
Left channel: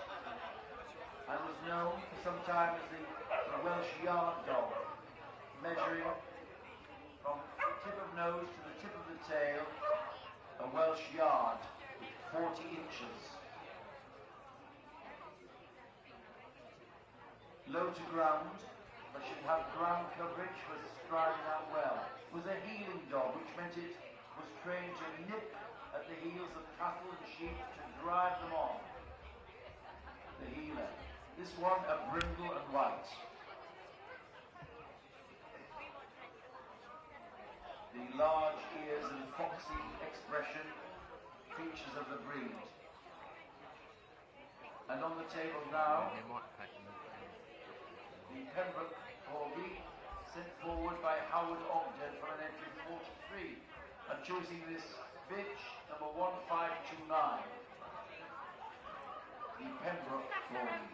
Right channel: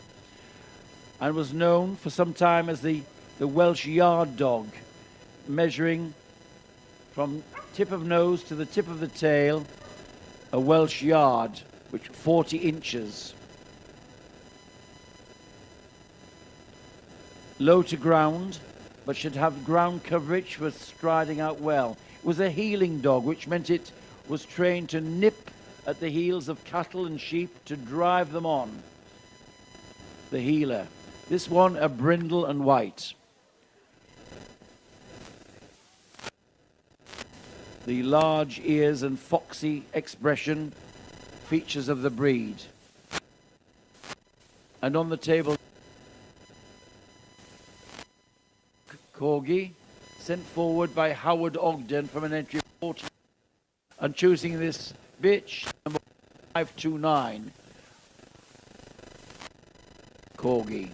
and was known for some time as the Welsh yard dog, measuring from tip of nose to the tip of the tail, a Welsh yard, which 40 inches. Low to ground, but should have ground coverage for striding out well. It was a heeling dog, which meant it was trained to nip at the heels of cattle and sheep to drive them on. The heeler. This one, a brindle and white. The large ears and foxy expression, features of the breed. And on the table now, the Pembroke Corgi, sent forward by Howard Ogden from an entry of 43. And choosing this bitch, number 1529, the Pembroke Corgi.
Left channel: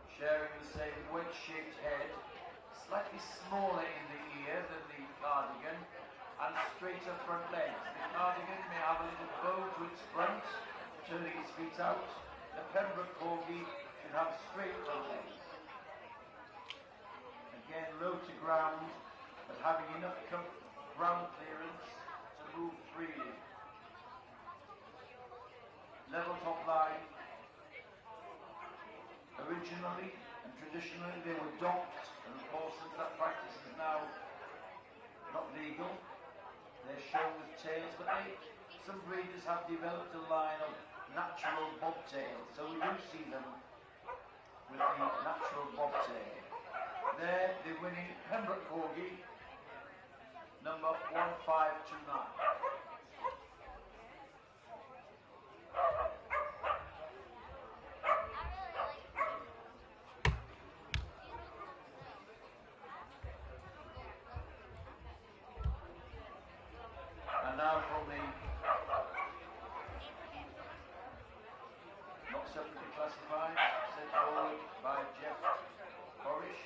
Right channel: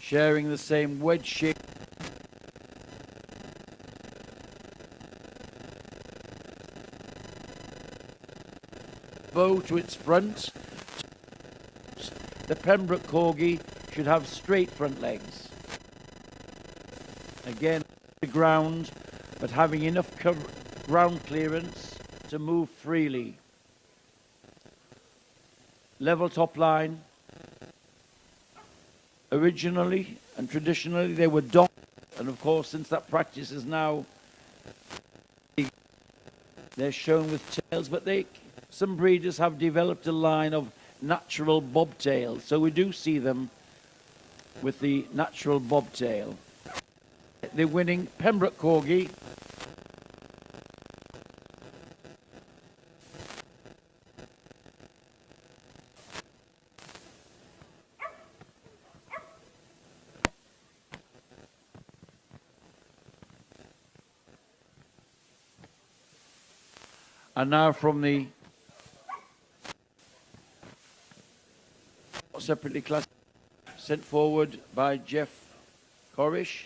Sharing the same wedge-shaped head, slightly smaller in the ear than the Cardigan, and a straighter front leg. The Cardigan may have a little bow to its front, turning its feet out. The Pembroke Corgi should have straight front legs. Again, low to ground, but having enough ground clearance to move freely. Level top line. Originally and traditionally they were docked, and of course since that practice is now not legal, they're shown with tails, but some breeders have developed a line of natural bobtails, so we do see them with the natural bobtail. The winning Pembroke Corgi, number 1529. And now from the separately classified, sent forward by Jeff Borish.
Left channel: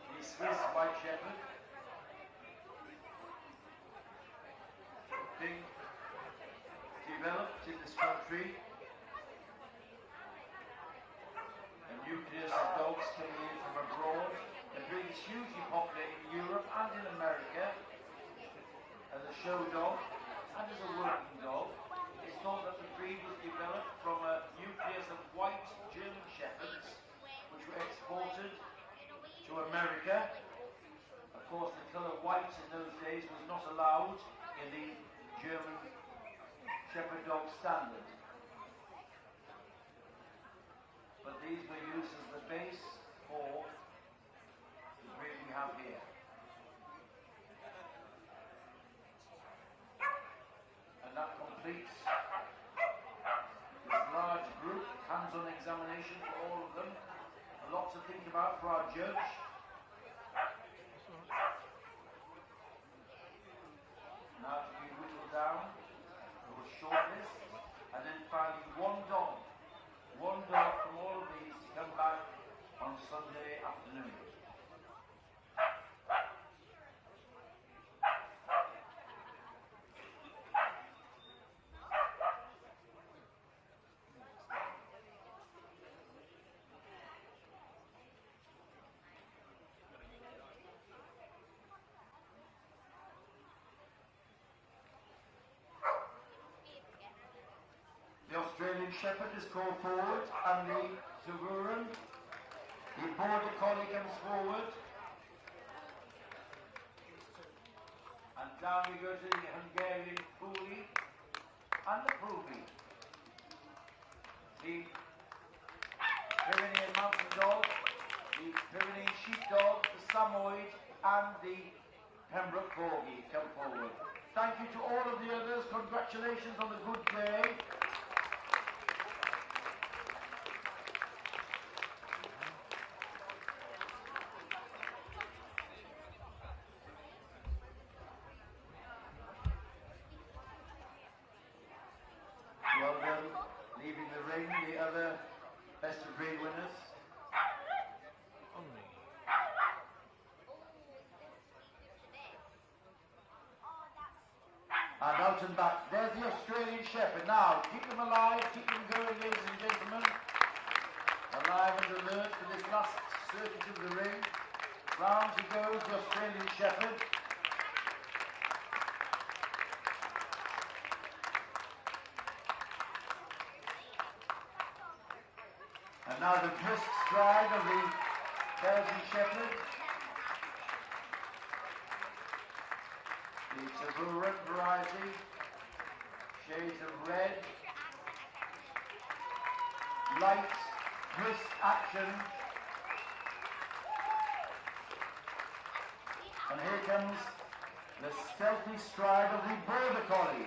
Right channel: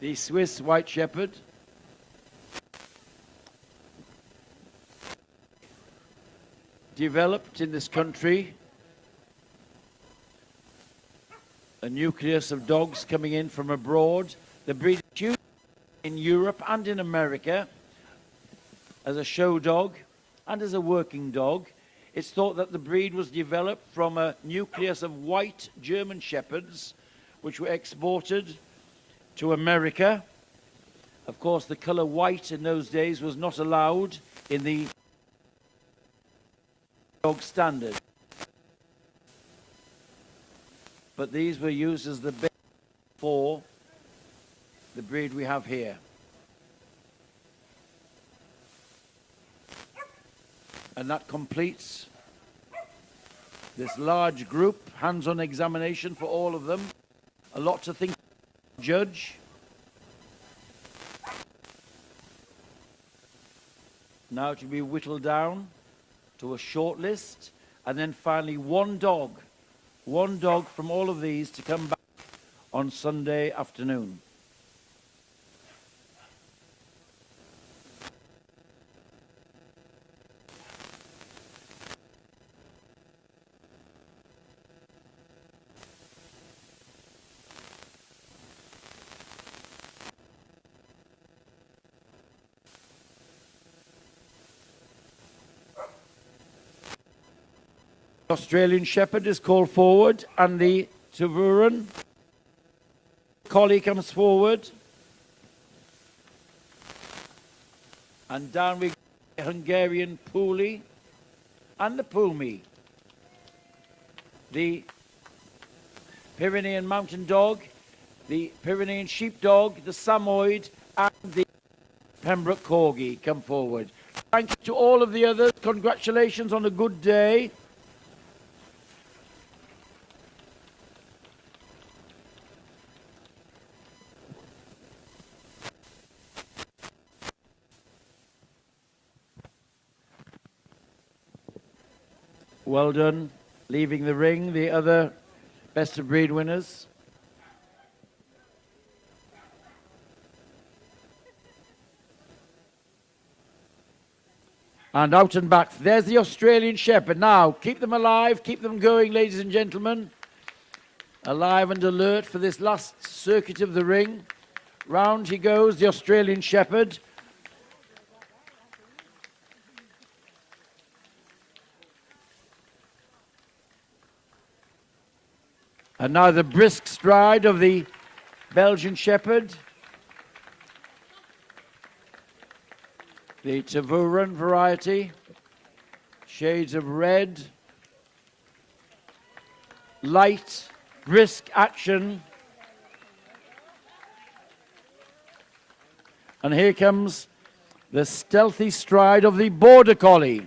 The Swiss White Shepherd. Developed in this country. A nucleus of dogs coming in from abroad. The breed is hugely popular in Europe and in America as a show dog and as a working dog. It's thought that the breed was developed from a nucleus of white German Shepherds, which were exported to America. Of course, the colour white in those days was not allowed in the German Shepherd dog standard. but these were used as the base for the breed we have here. And that completes this large group, hands-on examination for all of them. A lot to think about for our judge. Now to be whittled down to a short list, and then finally one dog from all of these to come back on Sunday afternoon. Australian Shepherd is called forward, and the Tervuren Collie comes forward. And down we go to the Hungarian Pumi and the Pumi. The Pyrenean Mountain Dog, the Pyrenean Sheepdog, the Samoyed, and the Pembroke Corgi come forward. Thank you to all of the others. Congratulations on a good day. Well done, leaving the ring, the other best of breed winners. And out and back, there's the Australian Shepherd. Now, keep them alive, keep them going, ladies and gentlemen. Alive and alert for this last circuit of the ring. Round he goes, the Australian Shepherd. And now the brisk stride of the Belgian Shepherd. The Tervuren variety. Shades of red. Light, brisk action. And here comes the stealthy stride of the Border Collie.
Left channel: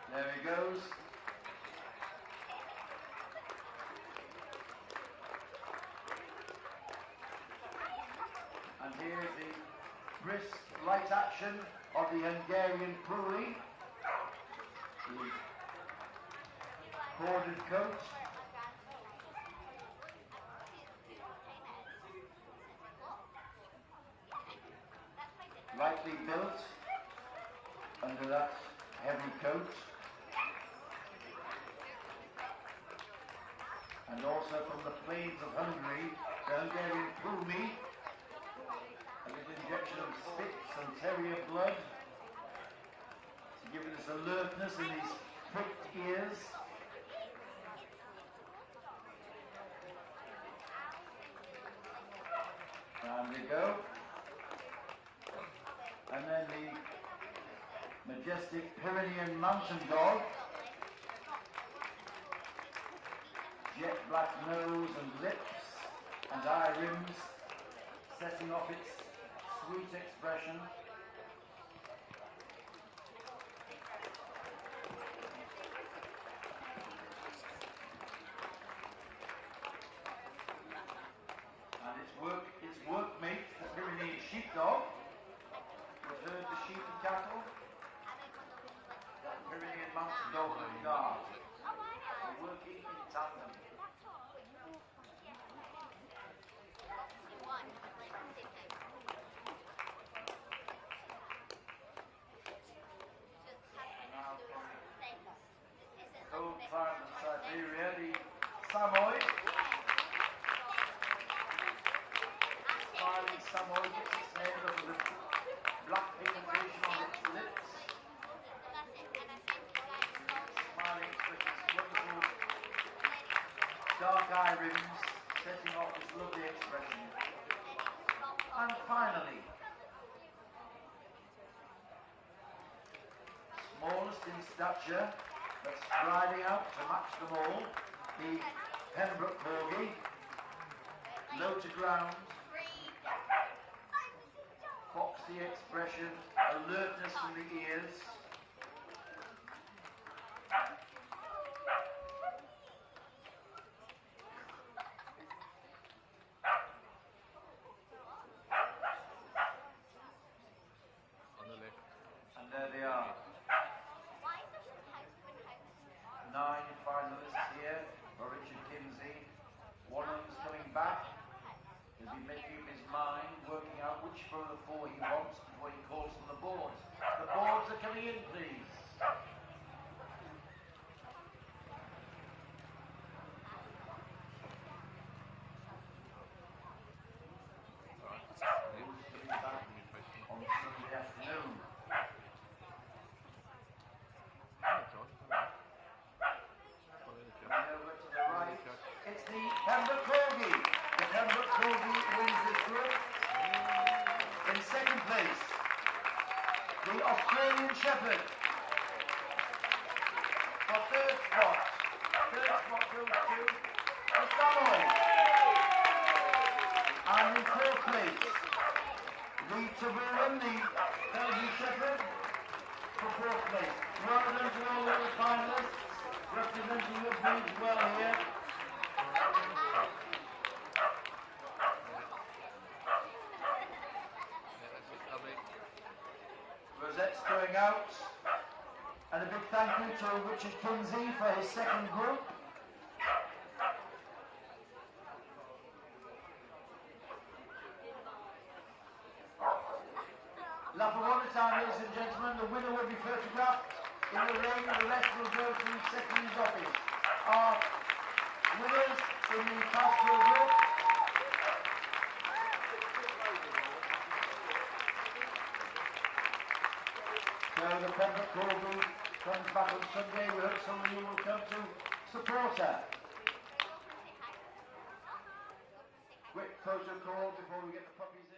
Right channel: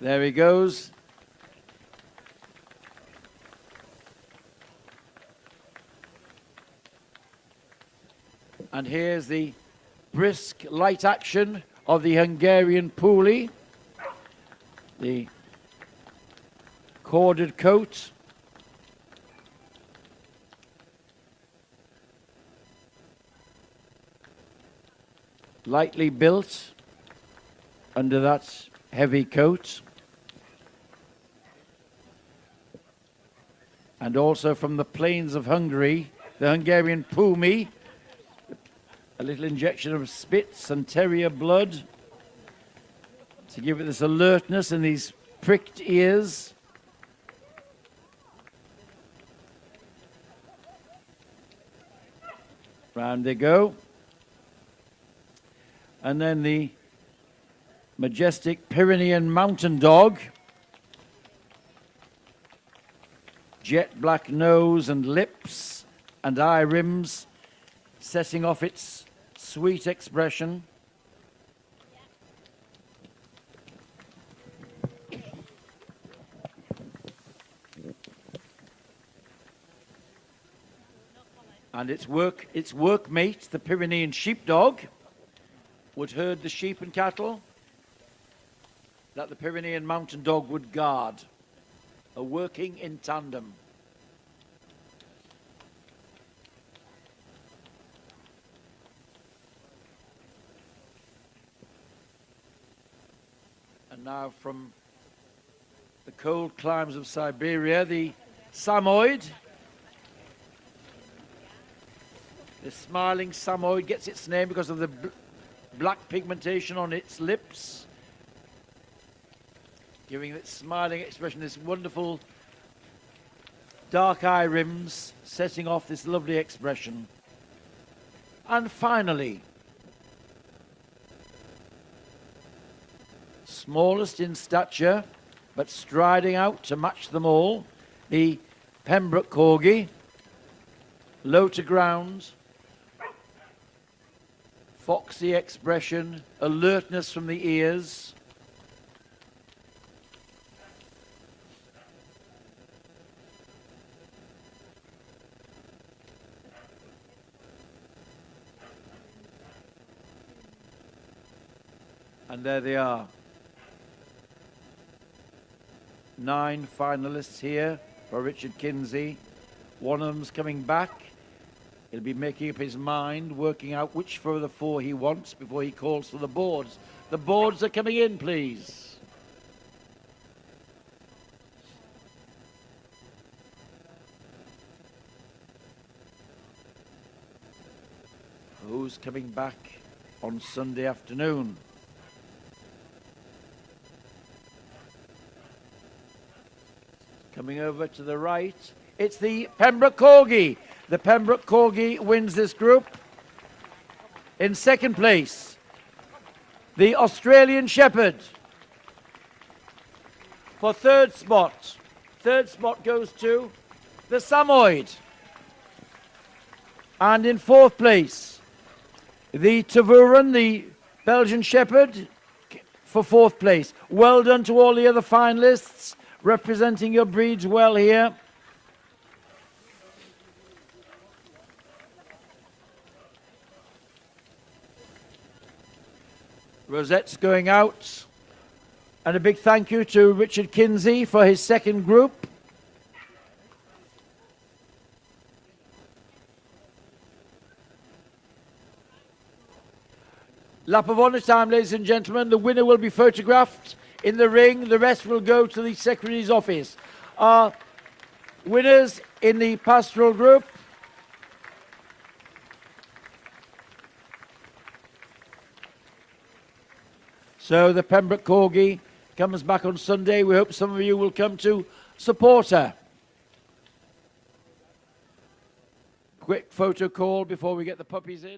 There he goes. And here's the brisk light action of the Hungarian Pumi. The corded coat. Lightly built under that heavy coat. And also from the plains of Hungary, the Hungarian Pumi, a little injection of Spitz and terrier blood to give it this alertness and these pricked ears. Round they go. And then the Majestic Pyrenean Mountain Dog. Jet black nose and lips and eye rims, setting off its sweet expression. And its workmate, the Pyrenean Sheepdog, would herd the sheep and cattle that the Pyrenean Mountain Dog would guard, are working in tandem. And now from the cold climes of Siberia, the Samoyed. The smiling Samoyed gets its name because of the black pigmentation on its lips, giving its smiling expression, this wonderful dark eye rims, setting off this lovely expression. And finally, smallest in stature, but striding out to match them all, the Pembroke Corgi, low to ground, foxy expression, alertness from the ears. And there they are. 9 finalists here for Richard Kinsey. One of them's coming back. He'll be making up his mind, working out which of the 4 he wants before he calls for the boards. The boards are coming in, please. Who's coming back on Sunday afternoon? Coming over to the right, it's the Pembroke Corgi. The Pembroke Corgi wins this group. In second place, the Australian Shepherd. For third spot goes to the Samoyed. And in fourth place, the Tervuren, the Belgian Shepherd, for fourth place. Well done to all the other finalists, representing your breeds well here. Rosette's going out. And a big thank you to Richard Kinsey for his second group. Lap of honour time, ladies and gentlemen. The winner will be photographed in the ring. The rest will go to the Secretary's office. Our winners in the Pastoral group. So the Pembroke Corgi comes back on Sunday. We hope some of you will come to support her. Quick photo call before we get the puppies in.